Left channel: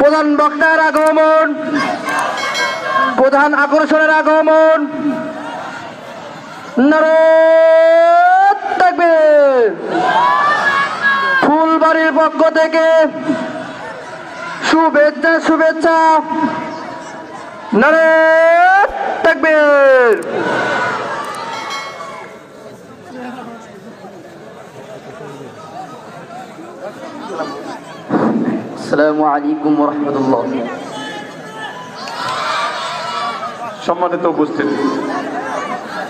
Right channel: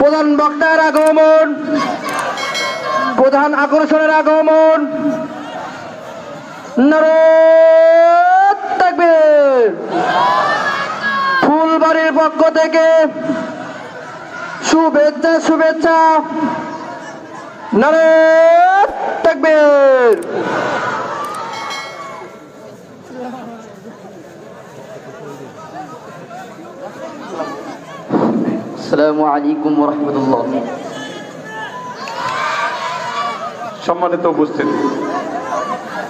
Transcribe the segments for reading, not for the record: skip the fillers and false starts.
প্রধান বক্তার আগমন, প্রধান আকর্ষণের আগমন। নারায়ে তাকবীর। ফুলবাড়ির পক্ষ থেকে শুভেচ্ছা শুভেচ্ছা। নারায়ে তাকবীর। আসসালামু আলাইকুম ওয়া রাহমাতুল্লাহ। সম্মানিত উপস্থিতি,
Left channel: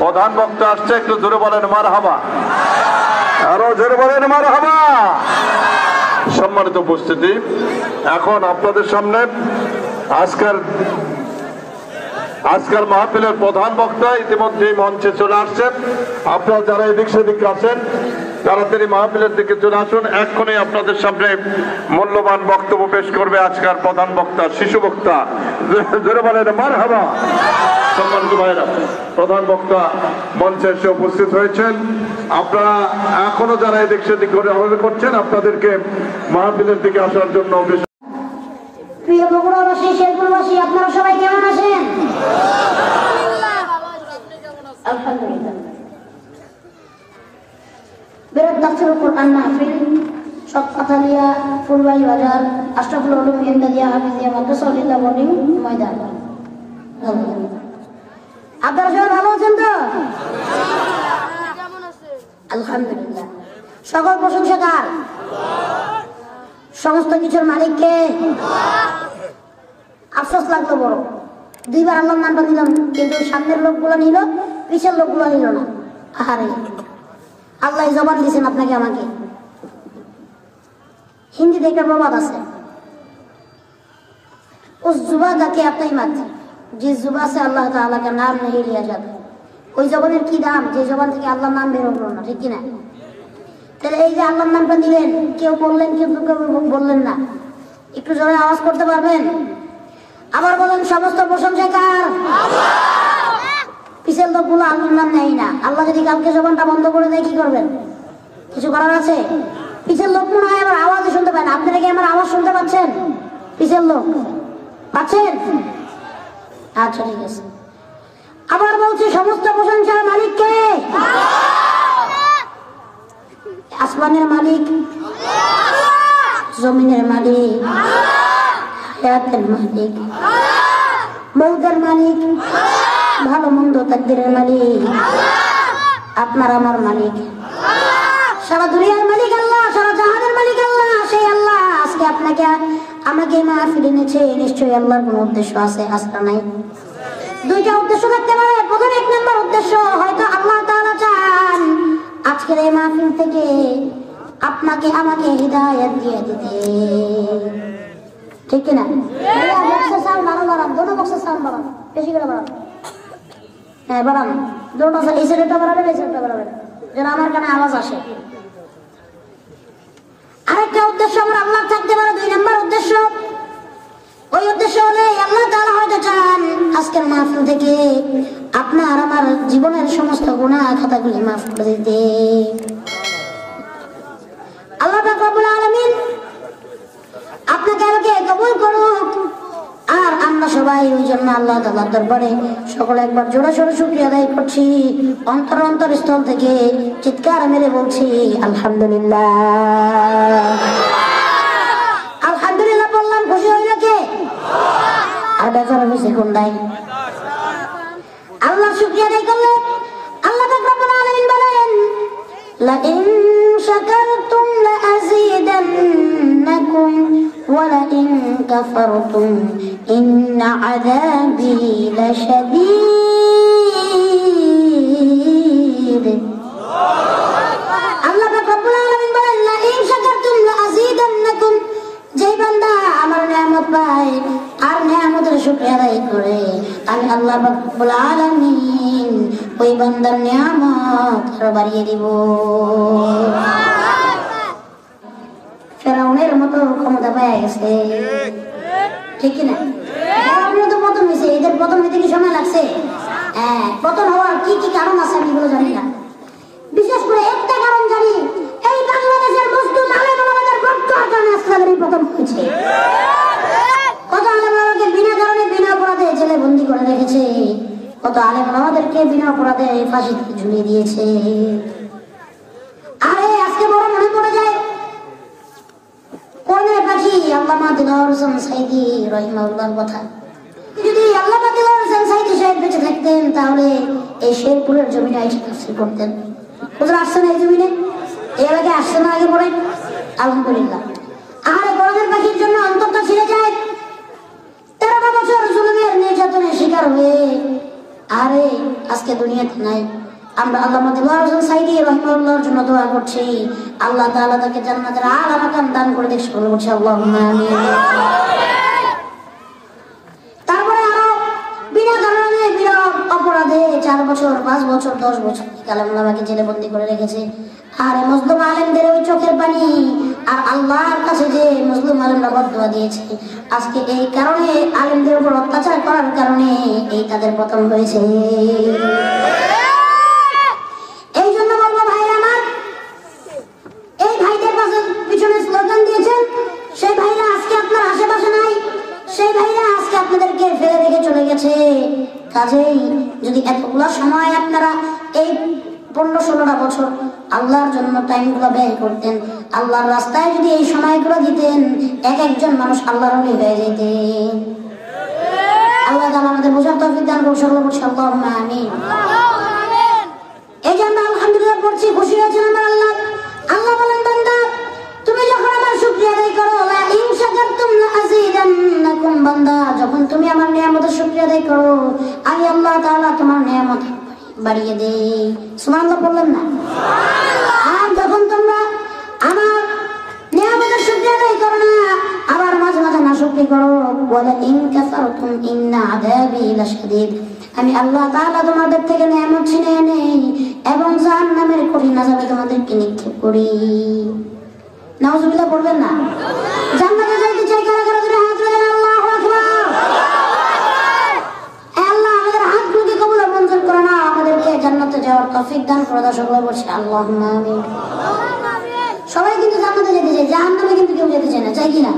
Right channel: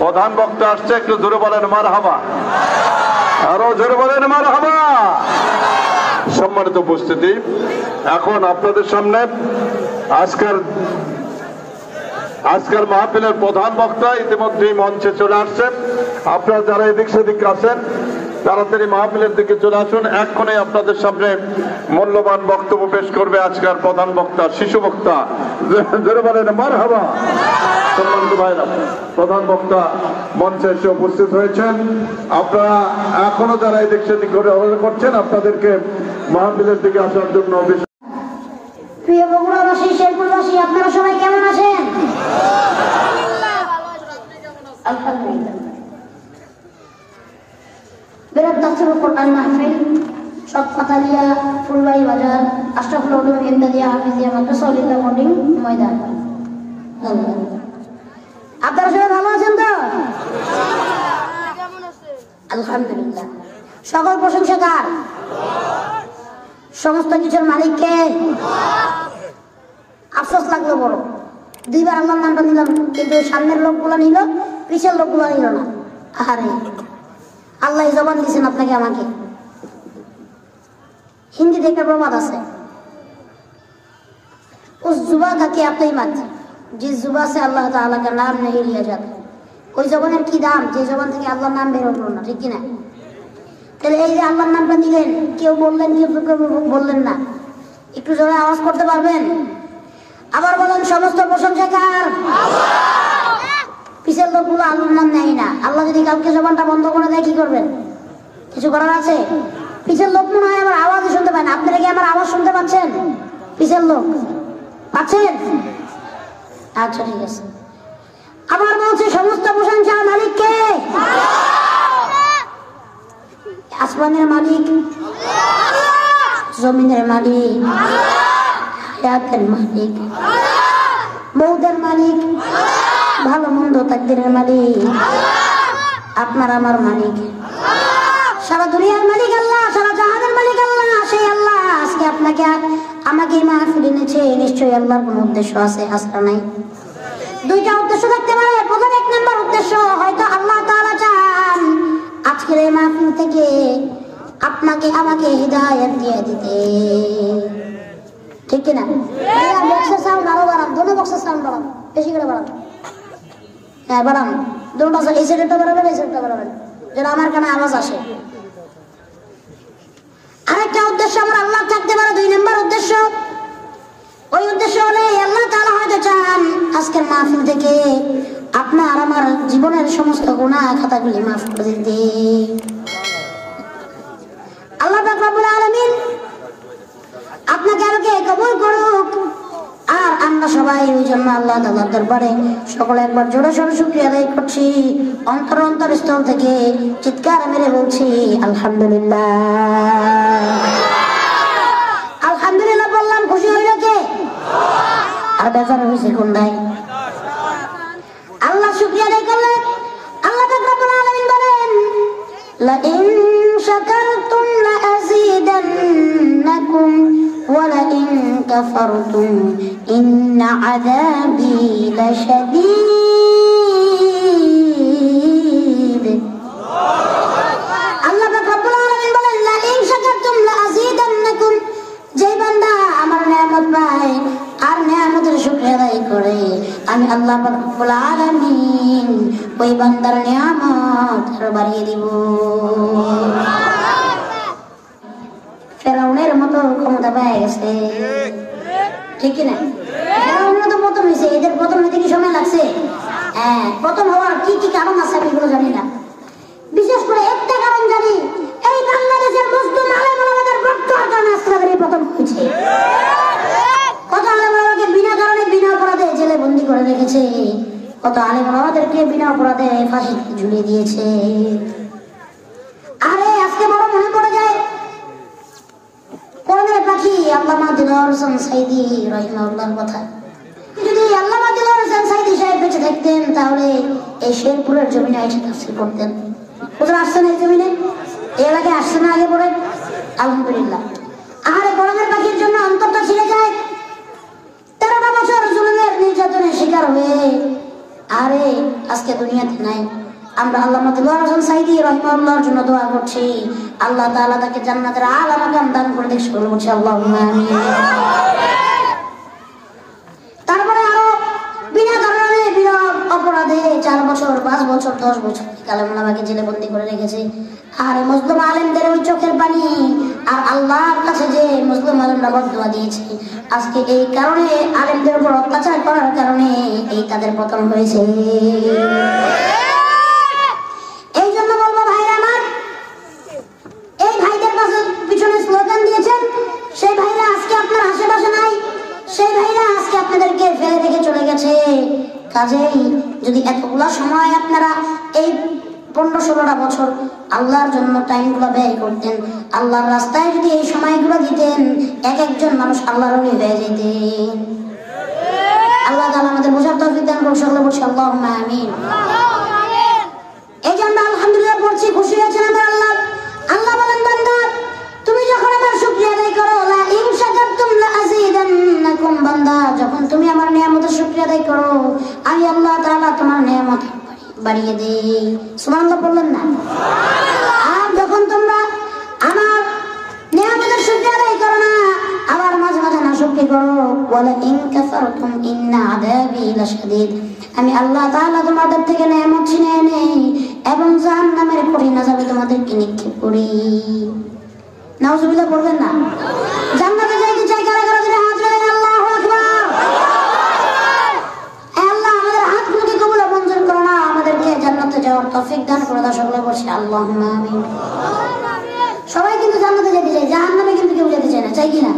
প্রধান বক্তা আসছে, একটু জোরে বলেন মারহাবা, আরো জোরে বলেন মারহাবা। সম্মানিত উপস্থিতি, এখন আপনাদের সামনে আজকের মাহফিলের প্রধান বক্তা ইতিমধ্যেই মঞ্চে চলে আসছেন। আপনারা যারা এদিক সেদিক আছেন তাড়াতাড়ি মাহফিলের দিকে চলে আসুন। এক্ষণে আপনাদের সামনে মূল্যবান বক্তব্য পেশ করবে আজকের প্রধান বক্তা, শিশু বক্তা। জোরে বলেন মারহাবা। সম্মানিত ভাইরা, প্রধান বক্তা মঞ্চে এসে উপস্থিত হয়েছেন। আপনারা এখনো যারা এদিক সেদিক করে অপেক্ষা করছেন, আপনাদেরকে মাহফিলের দিকে আসার জন্য প্রিয় বগুড়াবাসী, শেরপুরবাসী, আপনারা সবাই কেমন আছেন? আলহামদুলিল্লাহ। বেরাত দাসের কোরআন মাহফিল সৎকাথালিয়া ফুলবাড়ি বাজার আশরাফুল উলুম ইমদাদিয়া হাফিজিয়া মাদ্রাসা লিল্লাহ বোর্ডিং ময়দান। আপনারা সবাই ভালো আছেন তো? আলহামদুলিল্লাহ। সকল প্রশংসা কার? সমস্ত কিছুর মালিককে। আফসোস লাগলো বড়, দুইবার আল্লাহর নামটা নিলাম, কিন্তু সামনের লোকগুলো নিল, পিছের লোকগুলো নিল না। আহারে, আল্লাহ জবান দিয়েছেন আপনাকে আমাকে। হিন্দিতে একটা প্রবাদ আছে, उस जुबा का क्या कीमत जिस जुबा से अल्लाह ताला का नाम नहीं लिया जाता। ওই জবানের কি দাম যে জবান থেকে আল্লাহর নাম বের হলো না, ঠিক কিনা? তাহলে এই যে আল্লাহর নামটা নিলেন, কেউ বললেন কেউ বললেন না, একটু জোরে আওয়াজ করতে পারবেন? আবার বলেন, সমস্ত প্রশংসা কার? পিছের লোকগুলো আল্লাহর নাম নেয় না। আল্লাহ যদি কাউকে জবানটা বন্ধ করে দেয়, কি করবেন? কিছু করার আছে? পিছের লোক মনে হয় আমার আওয়াজই শুনতে পায় না। আপনারা কি আমার আওয়াজ শুনতে পাচ্ছেন? পিছের লোক পাচ্ছেন? আচ্ছা, ঠিক আছে। আবার বলছে, সমস্ত প্রশংসা মালিককে। আসমানের মালিক, জমিনের মালিক, হায়াতের মালিক, মৌতের মালিক, ভালো মন্দ তাকদীরের মালিক, আপনার আমার মালিক, সারা দুনিয়ার মালিক আল্লাহ, সারা জাহানের মালিক আল্লাহ। সেই আল্লাহ আজকে আপনাকে আমাকে মাহফিল এনেছে, নিশ্চয়ই আল্লাহর কোন উদ্দেশ্য আছে, আসলে নাই। দুইটা উদ্দেশ্য থাকতে পারে। প্রথম এক নম্বর উদ্দেশ্য, হয়তো আল্লাহ তাআলা চান আজকের এই মাহফিল থেকে আপনাকে আমাকে হিদায়াত দিয়ে দিতে, ঠিক কিনা? বক্সের সাউন্ড আরো বাড়ান, দুটো বক্সের সাউন্ড বাড়ান, বেশি করে বাড়ান। হ্যাঁ, বাড়ান, দুটো, এই সাইডটা বাড়াবেন, এই সাইডটা বাড়াবেন, যেন আমার কানে আওয়াজ আসে। আরেকটা উদ্দেশ্য আমার আল্লাহ থাকতে পারে। দুই নম্বর উদ্দেশ্য, ওই উদ্দেশ্য হলে আল্লাহ তাআলা হয়তো চান আজকের মাহফিল থেকে আপনার আমার জীবনের সমস্ত গুনাহ খাতাগুলি মাফ করে দিতে। আল্লাহ পাক রব্বুল আলামিন আপনাকে আমাকে কবুল করুক। আর আমরা সবাই ওই জন্য আল্লাহ তাআলার দরবারে সকলে একবার জোরে সোরে শুকরিয়া আদায় করছি, অন্তরস্থল থেকে চিৎকার মেরে বলছি আলহামদুলিল্লাহ। আলহামদুলিল্লাহ বললাম, খুশি হইল কে? আর বেচারা হয়েছে কোনটাই? আল্লাহ শুকরিয়া আদায় করলেন। আল্লাহ পাক রব্বুল আলামিন বলেন, লাইন শাকারতুম লাযীদান্নাকুম ওয়া লাইন কাফারতুম ইন্না আযাবী লাশাদীদ। আল্লাহ পাক রব্বুল আলামিন বলেন, লাইন শাকারতুম লাযীদান্নাকুম, যে বান্দা আমার নিয়ামত পায় আর নিয়ামতের শুকরিয়া আদায় করে, আমি আল্লাহ পাক রব্বুল আলামিন ওই বান্দার নিয়ামত আরো বাড়িয়ে দিব। ফেরাউনের মতো ক্ষমতা পেয়ে গেছে, ঠিক কিনা? ফেরাউনের তো পতন হয়েছে, এদের পতন হইতে কি সময় লাগছে? হ্যাঁ, পতন হওয়ার কি কি কারণ আছে আমি এগুলো জানি না। বিশেষ করে একটা কারণ জানি, এই বাংলাদেশের মজদুর আলেম ওলামাদের বক্তব্যের কারণে আজকে পতন হয়েছে। কত আলেম ওলামাদেরকে বিনা অপরাধে ফাঁসি ঝুলিয়ে দিয়েছে। আরে আজকে বড় মনে পড়ে যায় কোরআনের পাখি আল্লামা দিলওয়ার হোসেন সাইদি রাহিমাহুল্লাহর কথা। যদি আল্লামা দিলওয়ার হোসেন সাইদি সাহেব বেঁচে থাকতেন তাহলে এই শেরপুরের জমিনে এসে তাফসীর করতেন। হুজুর আসছেন এই জমিনে, এই এলাকায় আসছে না আগে পরে? আলহামদুলিল্লাহ। আরে কোরআনের পাখির জন্য অন্তরটা ছিঁড়ে যায়। 13টা বছর জুলুমের নির্যাতনের শিকার হয়ে আরে আজকে দুনিয়াতে নাই। আমরা আল্লামা দিলওয়ার হোসেন সাইদি রাহিমাহুল্লাহর জন্য দোয়া করছি, আল্লাহ তাআলা তাকে জান্নাতের আলা মাকাম দান করে দেখে বলছি আল্লাহুম্মা আমিন। তারপরে আরো বিনা কারণে বিনা অপরাধে 4 বছর 5 বছর 10 বছর আলেম ওলামাকে জেলে বন্দী করে রেখেছে। আর মুসলিম আলেমদের ওই চোখের পানি আর আল্লাহর কাছে যে মুসলিম আলেমরা বদদুয়া দিয়েছে, আজকে এই কারণে আলেমদের উপর অত্যাচার করার কারণে এই তাদের পতন হয়েছে। এই জন্য বলবো ভাইরা আমার, এই ভাইদের পিছনে স্লোগান দিয়েছেন সেই ভাইরা আজকে আপনার আশেপাশে নাই, সেই ভাইরা আজকে আপনাদেরকে ফেলে রেখে চলে গেছে। কাজেই যদি এতগুলো সময় আপনারা এই 15-16টা বছর আল্লাহর জন্য টাইমগুলো ব্যয় করতেন, আল্লাহর রাস্তায় যদি এই সময়গুলো দিতেন, এক একজন মানুষ আল্লাহর ওলি হয়ে যেতেন। আল্লাহ তাআলা আমাদের বোঝার তৌফিক দান করুন। সকলে বলছি আল্লাহুম্মা আমিন। এই যে আমরা আলহামদুলিল্লাহ পড়ছি, খুশি হয়েছেন আমার আল্লাহ। আল্লাহ বলেন, বান্দা তুমি যখন আমার শুকরিয়া আদায় করো, লা ইন শাকারতুম লা আযীদান্নাকুম, বান্দা যখন তুমি আমার নিয়ামতের শুকরিয়া আদায় করো, আমি আল্লাহ তাআলা তোমার নিয়ামত বাড়িয়ে দেই। সুবহানাল্লাহ বললেন না? আর যখন তোমরা আমার নিয়ামতের শুকরিয়া আদায় করো না, আবার মাঝে মাঝে নাশুকরি করো, ওয়ালা ইন কাফারতুম ইন্না আযাবি লাশাদীদ, আমি আল্লাহ তাআলা তোমাদের থেকে নিয়ামত ছিনিয়ে নেই এবং জাহান্নামের কঠিন আযাবে তোমাদেরকে নিক্ষেপ করি। নাউজুবিল্লাহ বলবেন না? জান্নাতে যাইতে চাই কারা কারা করে হাত তুলে আল্লাহু আকবার। আল্লাহ আমাদের হাতগুলোকে কবুল আর মঞ্জুর করো না, আমাদেরকে জান্নাতে যাওয়ার তৌফিক দান করো। সকলে বলছি আল্লাহুম্মা আমিন। সবাই কিন্তু জান্নাতে যেতে চায়, জাহান্নামে কিন্তু কেউ যেতে চায় না, চাই কি না?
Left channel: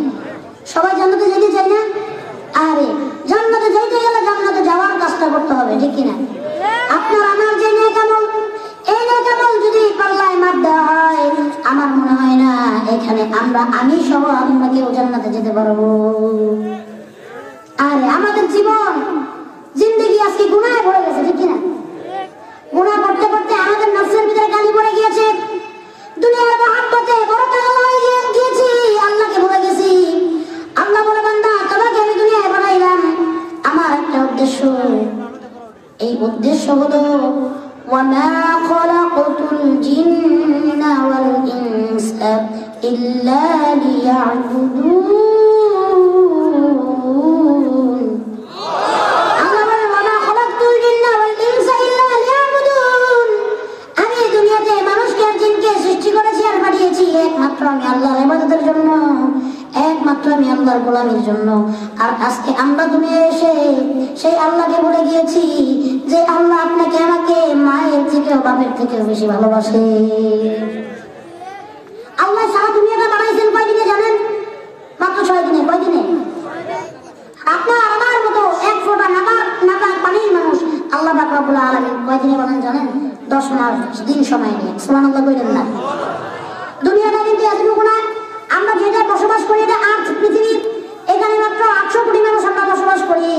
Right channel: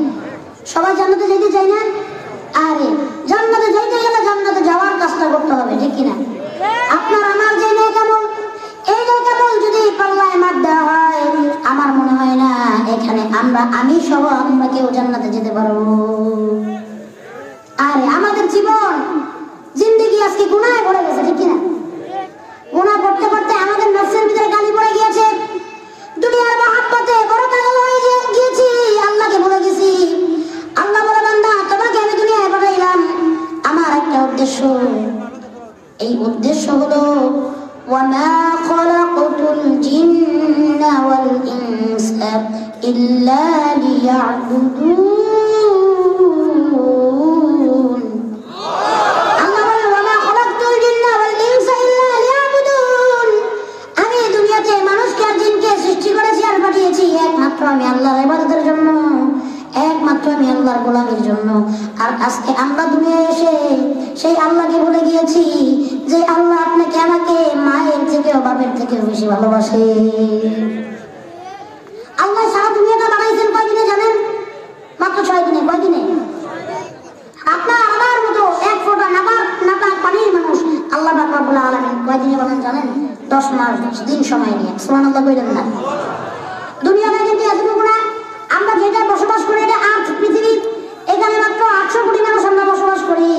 সবাই জান্নাতে যেতে চায় না? আরে জান্নাতে যাইতে গেলে জান্নাতে যাওয়ার কাজটা করতে হবে, ঠিক কিনা? আপনার আমার যে নেক আমল, এই নেক আমল যদি পাল্লায় মাপ দেওয়া হয়, আমার মনে হয় না এখানে আমি সহ আমরা কেউ জান্নাতে যেতে পারবো। আরে আমাদের জীবন জিন্দেগি আজকে গুনাহে ভরে গেছে, ঠিক কিনা? গুনাহ করতে করতে আমাদের নফসের ভিতরে গালি পড়ে গিয়েছে, দুনিয়ার মহব্বতে বড় পাগল হয়ে গিয়েছি, আল্লাহকে ভুলে গেছি। আল্লাহ বলে, বান্দা তোমাকে আমি দুনিয়ায় পাঠাইলাম আমার একটা উদ্দেশ্য, এই উদ্দেশ্য হলো ওয়ামা খালাকাতুল জিন্না ওয়াল ইনসা ইল্লা লিয়াবুদুন। আল্লাহ বলে, ওয়ামা খালাকাতুল জিন্না ওয়াল ইনসা ইল্লা লিয়াবুদুন, আমি দুনিয়াতে মানুষকে আর জিনকে সৃষ্টি করেছি আর পাঠিয়েছি একমাত্র আমি আল্লাহর ইবাদতের জন্য, একমাত্র আমি আল্লাহর গোলামির জন্য। আর আজকে আমরা দুনিয়ায় এসে সেই আল্লাহকে ভুলে গিয়েছি যে আল্লাহ আপনাকে আমাকে মায়ের থেকেও বাপের থেকেও বেশি ভালোবাসে। আল্লাহ সারা দুনিয়াটা বানাইছেন কয়দিনে জানেন? মাত্র 6 দিনে। কয়দিনে? আপনার আমার মতো এক ফোঁটা নাপাক পানির মানুষ আল্লাহ পাক রব্বুল আলামিন কয়দিনে বলেন জানেন? 10 মাস 10 দিন সময় নিয়ে। সুবহানাল্লাহ কইলেন না? দুনিয়াটা কিন্তু এতটুকু না, আমরা যেটা বসবাস করি এটা আর্থ পৃথিবী, এখানে মাত্র 800 কোটি মানুষ আমরা বসবাস করি।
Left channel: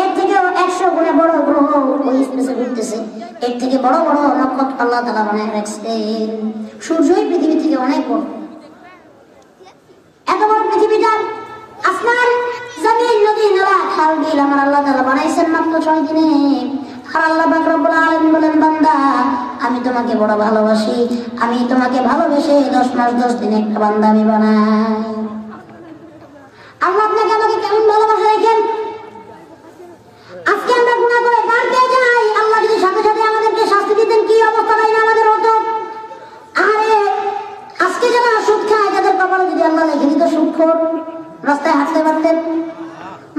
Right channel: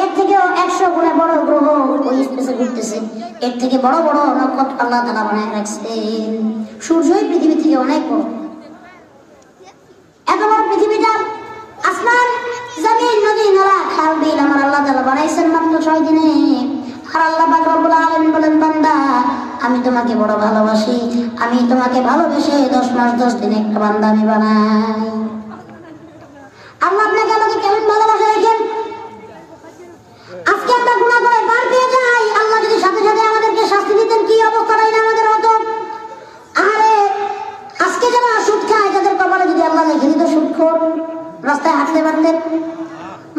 এর থেকে 100 গুণে বড় গ্রহ ওই স্পেসে ঘুরতেছে, এর থেকে বড় বড় নক্ষত্র আল্লাহ তাআলা বানায় রাখছেন। সূর্যই পৃথিবী থেকে অনেক বড়। এত বড় পৃথিবীটা, আসমান জমিন নদী নালা খাল বিল আমার আল্লাহ তাআলা বানাইছেন মাত্র 6 দিনে। আর আল্লাহ পাক রব্বুল আলামিন বলেন, বান্দা আমি তোমাকে বড় ভালোবাসি, আমি তোমাকে ভালোবেসে 10 মাস 10 দিনে একটা বান্দা আমি বানাই। আল্লাহ আপনাকে আমাকে কেমন ভালোবাসে দেখেন। আজকে আমরা গুনাহ করে পার পেয়ে যাই, আল্লাহ যদি সাথে সাথে আমাদেরকে শাস্তি দিতেন কি অবস্থাটাই না আমাদের হতো। আরে আজকে যারা সুদ খায় তাদের কপালে যদি আল্লাহ লিখে দিত সুদখোর, রাস্তায় হাঁটতে পারতেন,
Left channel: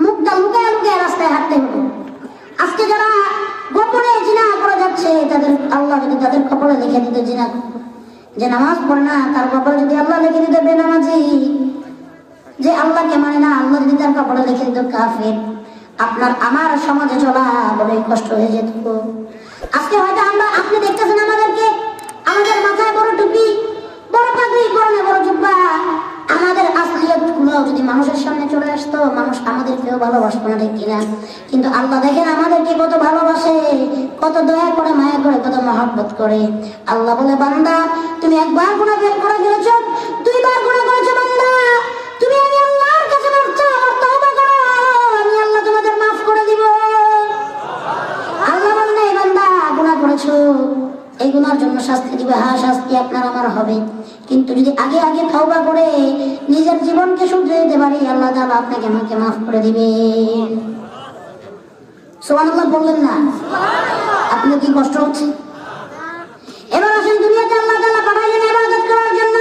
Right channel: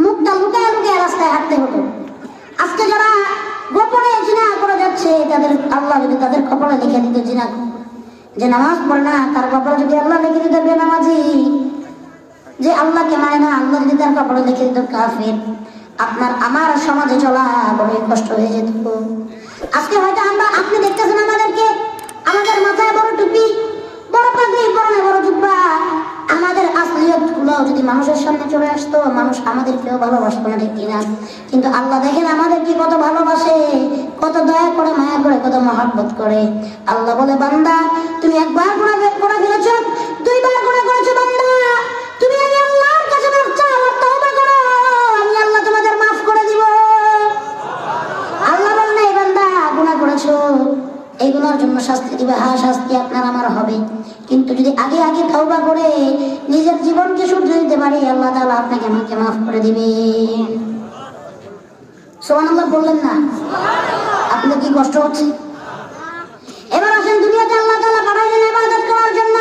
মুখটা লুকিয়ে লুকিয়ে রাস্তায় হাঁটতে হতো। আজকে যারা গোপনে জিনা করে যাচ্ছে তাদের আল্লাহ যদি তাদের কপালে লিখে দিত জিনা, যে নামাজ পড়ে না তার কপালে যদি আল্লাহ লিখে দিত বেনামাজি, যে আল্লাহকে মানে না আল্লাহ যদি তার কপালে লিখে দিত কাফের, আপনার আমার সমাজে চলা বড় কষ্ট হয়ে যেত। আজকে হয়তো আপনি দেখতেছেন আমাদেরকে, আমাদের মাথায় বড় টুপি, বড় পাগড়ি, পরনে বড় জুব্বা, আমাদের আসলিয়ত গুলো যদি মানুষের সামনে চলে আসতো, মানুষ আমাদেরকেও ভালোবাসতো না, ঠিক কিনা? কিন্তু আল্লাহ দেখেন আমাদেরকে কত ভালোবাসে, কত দয়া করে, মায়া করে, কত মহব্বত করে। আল্লাহ বলে, বান্দা তুমি একবার গুনাহ করে ফেলেছ, দুইবার গুনাহ করেছো, বান্দা তুমি আমি আল্লাহর কাছে মাফ চাও আর তওবা করো, আমি আল্লাহ তোমাদের মাফ করে দিব। আল্লাহ বলেন, এই বান্দা গুনাহ করেছো, এই গুনার জন্য শাস্তি দিবে। হ্যাঁ, শাস্তি আপনার আমার হবে, কিন্তু যদি আগে আগে তওবা করে নিজের জীবনকে শুধরে দিতে পারি, আল্লাহ তাআলা আপনাকে আমাকে মাফ করে দিবে। সুবহানাল্লাহ বললেন না? আপনার কি কষ্ট হচ্ছে? এবার আসেন, দুনিয়াতে আল্লাহ তাআলা পাঠাইলেন ইবাদত করার জন্য।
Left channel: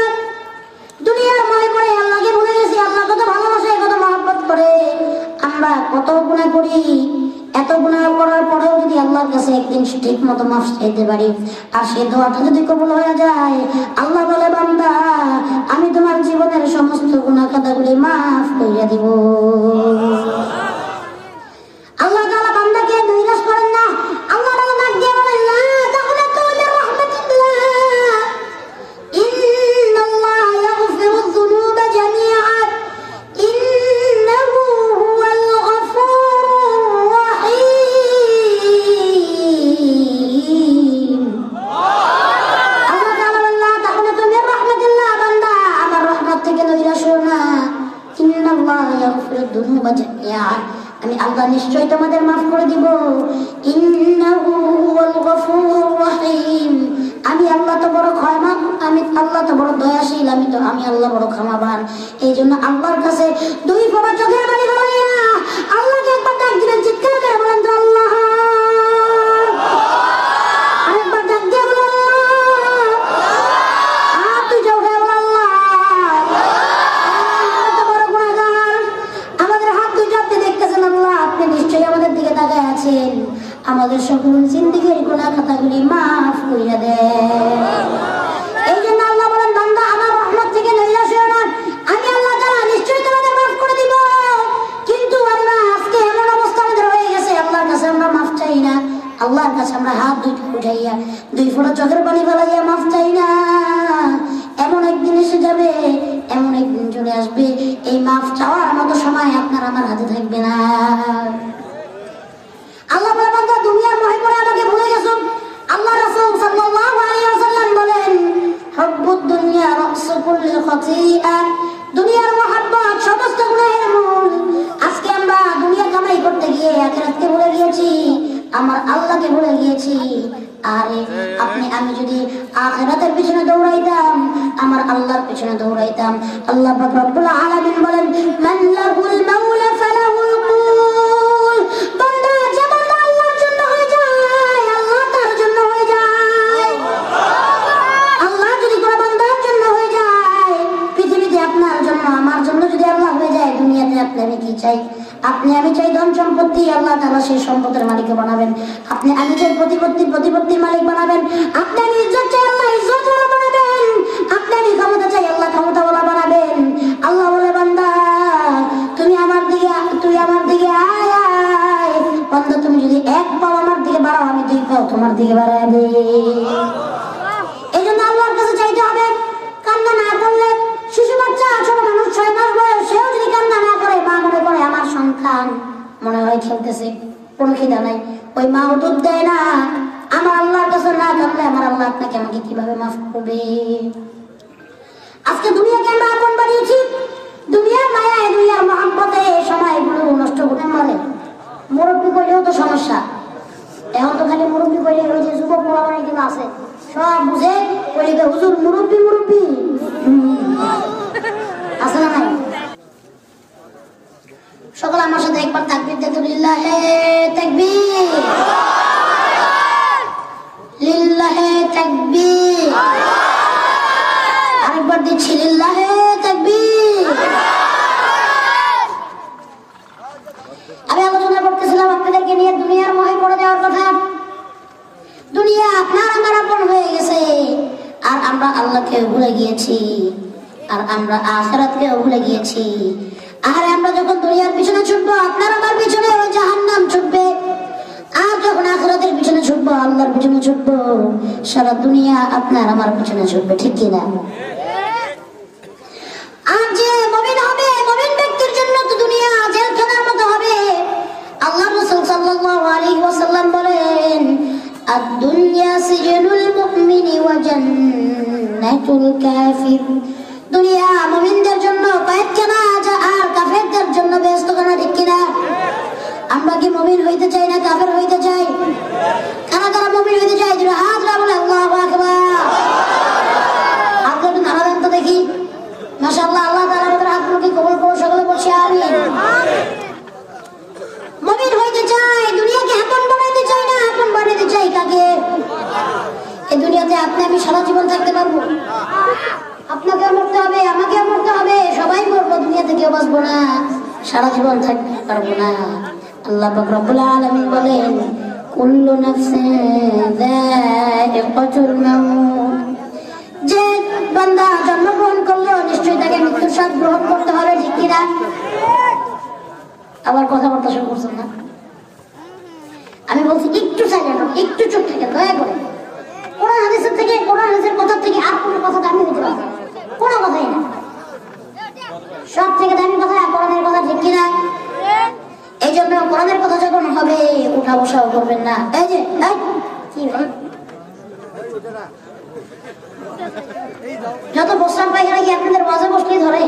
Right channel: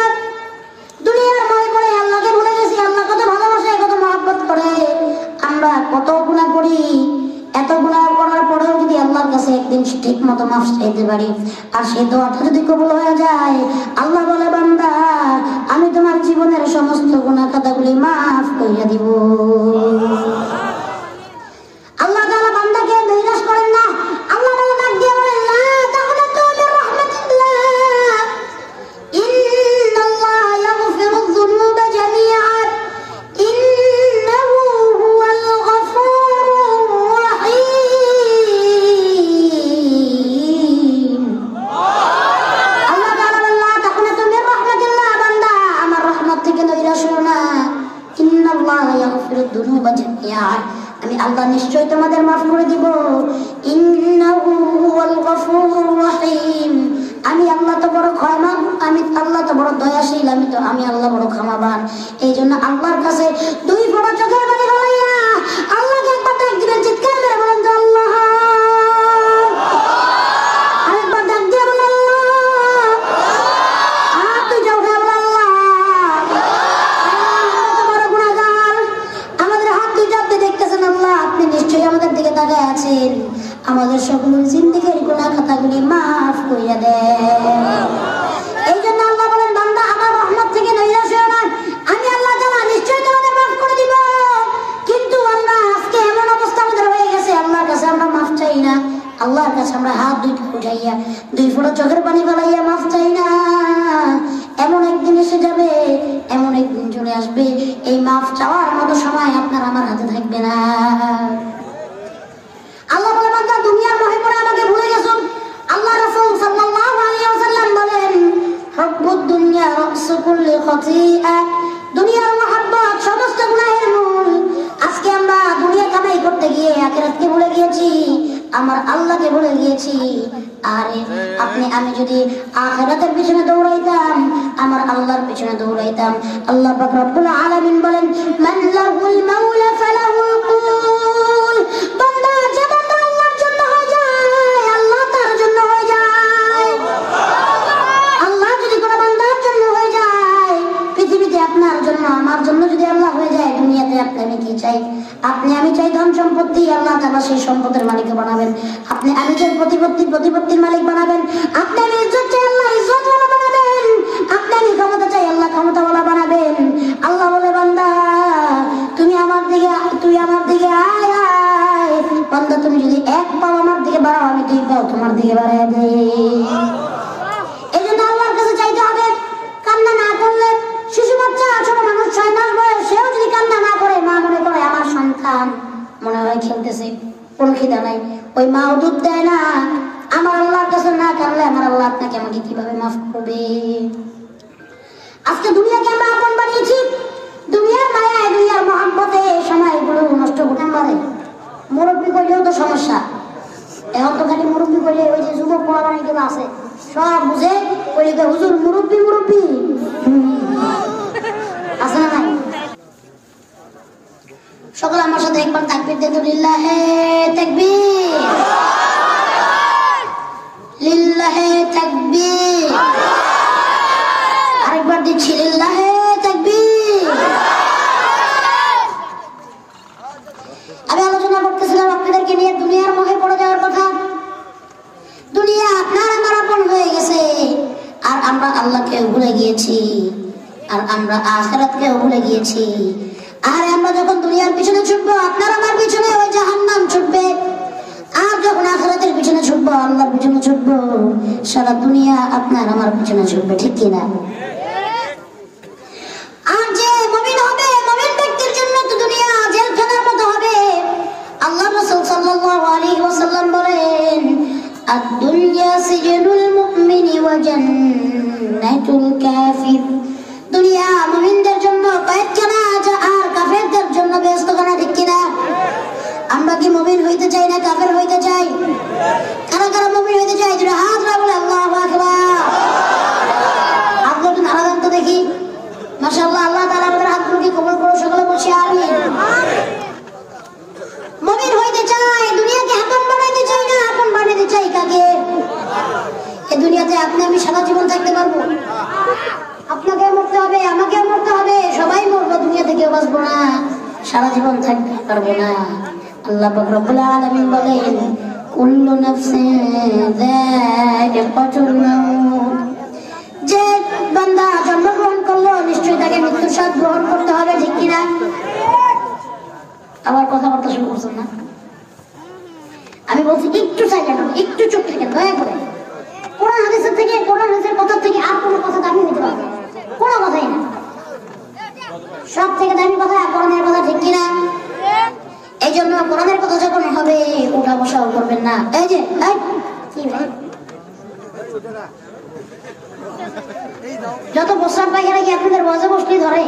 দুনিয়ার মনে পড়ে আল্লাহকে ভুলে গেছি। আল্লাহ কত ভালোবাসে, কত মহব্বত করে। আমরা কত গুনাহ করি, এত গুনাহ করার পরেও যদি আল্লাহর কাছে একদিন ঠিক মতো মাফ চাইতে পারি, আর সেই দোয়াটা যদি কবুল হয়ে যায়, আল্লাহ বলে, বান্দা আমি তোমার জীবনের সমস্ত গুনাহ খাতাগুলি মাফ করিয়া দিব। আল্লাহ তাআলা বান্দাকে নৈরাশ করেন না। আল্লাহ তাআলা ডাক দিয়ে বলেন, লা তাকনাতু মির রাহমাতিল্লাহ, ইন্নাল্লাহা ইয়াগফিরুয যুনুবা জামিআন, ইন্নাহু হুয়াল গফুরুর রাহিম। আল্লাহ তাআলা বলেন, লা তাকনাতু মির রাহমাতিল্লাহ, বান্দা আমার রহমত থেকে নৈরাশ হও না। ইন্নাল্লাহা ইয়াগফিরুয যুনুবা জামিআন, আমি আল্লাহ নিশ্চয়ই তোমাদের মাফ করে দিব। ইন্নাহু হুয়াল গফুরুর রাহিম, আমি আল্লাহ তো বড় ক্ষমা, আমি আল্লাহ তো বড় দয়াশীল, আমি আল্লাহ বড় ক্ষমাবান। এই জন্য আল্লাহর কাছে দুই ফোঁটা চোখের পানি ফেলাইয়া আল্লাহকে একবার ডাক দিবেন, চিৎকার করে বলেন তো আল্লাহ। আরেকবার ডাক দিয়ে বলেন আল্লাহ। আর তুই যাও রে আল্লাহ, আমরা তো বড় গুনাহগার, আমাদের হাত দুই চাপতে দেখতেছেন আল্লাহ, আপনি নিশ্চয়ই আমাদের দিকে তাকায় আছেন, আমাদের সকল জিন্দেগীর গুনাহ খাতাগুলি মাফ কইরা দেন। এই জন্য আল্লাহ বলেন, বান্দা আমার রহমত থেকে নৈরাশ হও না, আমি আল্লাহ তাআলা নিশ্চয়ই তোমাদের মাফ করে দিব। কিন্তু আল্লাহ আজকে এমন অবস্থা আমাদের হয়ে গেছে, আল্লাহর কাছে আমরা মাফ চাই না, আল্লাহর কাছে আমরা হাত দুইটা উঠাইয়া দুই ফোঁটা চোখের পানি ফেলাইয়া মাফ চাই না। এমন একদিন এসে যাবে, এমন একদিন চলে আসবে, এই মাফ চাওয়ার মতো সময় আপনার আমার হাতে থাকবে না। আল্লাহ বলে, বান্দা দুনিয়ার মোহে পড়ে আমাকে ভুলে গেছো। আল্লাহ রাসূল সাল্লাল্লাহু আলাইহি ওয়াসাল্লাম বলেন, হুব্বুদ দুনিয়া রাসু কুল্লি খাতিআ, দুনিয়ার মহব্বত সমস্ত গুনাহের মূল। আজকে আমরা দুনিয়া কামাই করতে গিয়ে আখিরাতকে ভুলে গিয়েছি, আমার আল্লাহকে ভুলে গিয়েছি। আরে আমি যদি আখিরাতের পিছনে দৌড়াইতাম, আমার আল্লাহর পিছনে দৌড়াইতাম। আল্লাহ পাক রব্বুল আলামিন বলেন, মান লাহুল মাওলা ফালাহুল কুল, বান্দা যে বান্দা আল্লাহর জন্য হয়ে যায়, আল্লাহ তার জন্য হয়ে যায়। আল্লাহ যদি কোনো বান্দার জন্য হয়ে যায়, পৃথিবীতে আপনার জন্য আমার জন্য যদি আল্লাহ হয়ে যায়, দুনিয়াতে আপনি আমি কি চাই? আপনি আমি চাই ধন সম্পত্তি, আল্লাহ তাআলা সেই সম্পদের মালিক বানাবেন। আপনি আমি চাই প্রতিপত্তির মালিক বানাবেন। আপনি আমি ইজ্জত চাই, আল্লাহ ইজ্জতওয়ালা বানাবেন। আপনি আমি ক্ষমতা চাই, আল্লাহ ক্ষমতাওয়ালা বানাবেন। আল্লাহ বলে, বান্দা তুই আমার দিকে আয় আয়। বান্দা তুমি যদি এক পাও আমার দিকে বাড়াও, আমি দুই পাও তোমার দিকে বাড়ায় দেই। এই জন্য আল্লাহর কাছে চাইতে হবে। কান্না না করলে, শিশু বাচ্চা ছোট মানুষ 6 মাস বয়স, সেও যদি কান্না না করে, মা মনে করে আমার সন্তান মনে হয় খেলতেছে, কোনো খিদা নাই, ওই মাও দুধ দেয় না। আমার আল্লাহর কাছে না কাঁদলে আমার আল্লাহ আপনাকে আমাকে কিভাবে মাফ করবে? আজকে দুনিয়াকে আমরা আপন বানিয়েছি, দুনিয়ার মায়ায়, দুনিয়ার মহব্বতে সময়গুলো নষ্ট করতে পারে। মুরব্বী করলেও তো সমস্যা, এখন তো খালি মুরব্বী করলে ওই যে যুবক পোলা অনেকগুলো আছে, সব বুঝে বলি হুজুর মুরব্বী আছে না নাই? সকল আমার সাথে একবার তাকবীর দিয়ে লিল্লাহে তাকবীর, লিল্লাহে তাকবীর। আরেকবার দিচ্ছি, লিল্লাহে তাকবীর। আমি আলোচনা করতেছিলাম আপনাদেরকে নিয়ে দুনিয়ার মোহে পড়ে যাওয়ার কথা। দুনিয়া আপনার আমার আপন হয়ে গেছে, আর আমরা আল্লাহকে ভুলে গিয়েছি, আর আমরা আখিরাতকে ভুলে গিয়েছি। আর আমরা যখন দুনিয়ার পিছনে ছুটবো, আপনার আমার পিছনে ওই আল্লাহর পিছনে ছুটবো, সারা দুনিয়া আপনার আমার পিছনে ছুটবে, ঠিক কিনা? আর যে মুমিন হবে, মুমিন ব্যক্তির জন্য তো দুনিয়া জেলখানার মতো হবে। আল্লাহ রাসূল সাল্লাল্লাহু আলাইহি ওয়াসাল্লাম বলেন, আদ-দুনিয়া সিজনুল মুমিনি ওয়া জান্নাতুল কাফির। দুনিয়া মুমিনদের জন্য কয়েদখানা, আর কাফেরদের জন্য বেহেশতখানা, ঠিক কিনা? আমরা কি মুমিন হইতে চাই না কাফের হইতে চাই? কারা কারা মুমিন হইতে চাই? দুটো হাত বলে আল্লাহু আকবার। আপনি একটু নাড়া দেন তো দেখি। মাশাআল্লাহ, আল্লাহ তাআলা আপনার হাতগুলোকে কবুল করুন, সকলে বলছি আমিন। মুমিন হইতে চাই, দুনিয়াকে আপন বানাইতে চাই না, আপন বানাইতে চাই কাকে? এই দুনিয়াতে আপনি আমি সারা জীবন থাকতে পারবো? আপনাকেও মরতে হবে, আমাকেও মরতে হবে, সবাই মরবো, দুনিয়া থেকেও বাঁচবো না, সারা জীবন থাকতে পারবো না। আল্লাহ পাক রব্বুল আলামিন বলেন, কুল্লু নাফসিন যায়িকাতুল মাউত। যে বান্দা জন্মগ্রহণ করলো নিশ্চয়ই তাকে মৃত্যুর স্বাদ গ্রহণ করতে হবে, ঠিক কিনা? আবার কথাবার্তা শুরু করছেন না? আমি বলছি একটু সাইলেন্ট, একটু চুপ থেকে দয়া করে। কোরআন হাদিসের থেকে, কোরআন হাদিসের কথা থেকে আর কোনো কথা দামি হতে পারে না, কোনো কথাই না। সব থেকে দামি কথা কোরআনের কথা, ঠিক কিনা? এই জন্য কোরআনের কথা যখন হবে ওঠা বসাও করবেন না। এই যে যত বসলাম পাইখানা কি আপনাদের ওয়াজে বসলেই ধরে?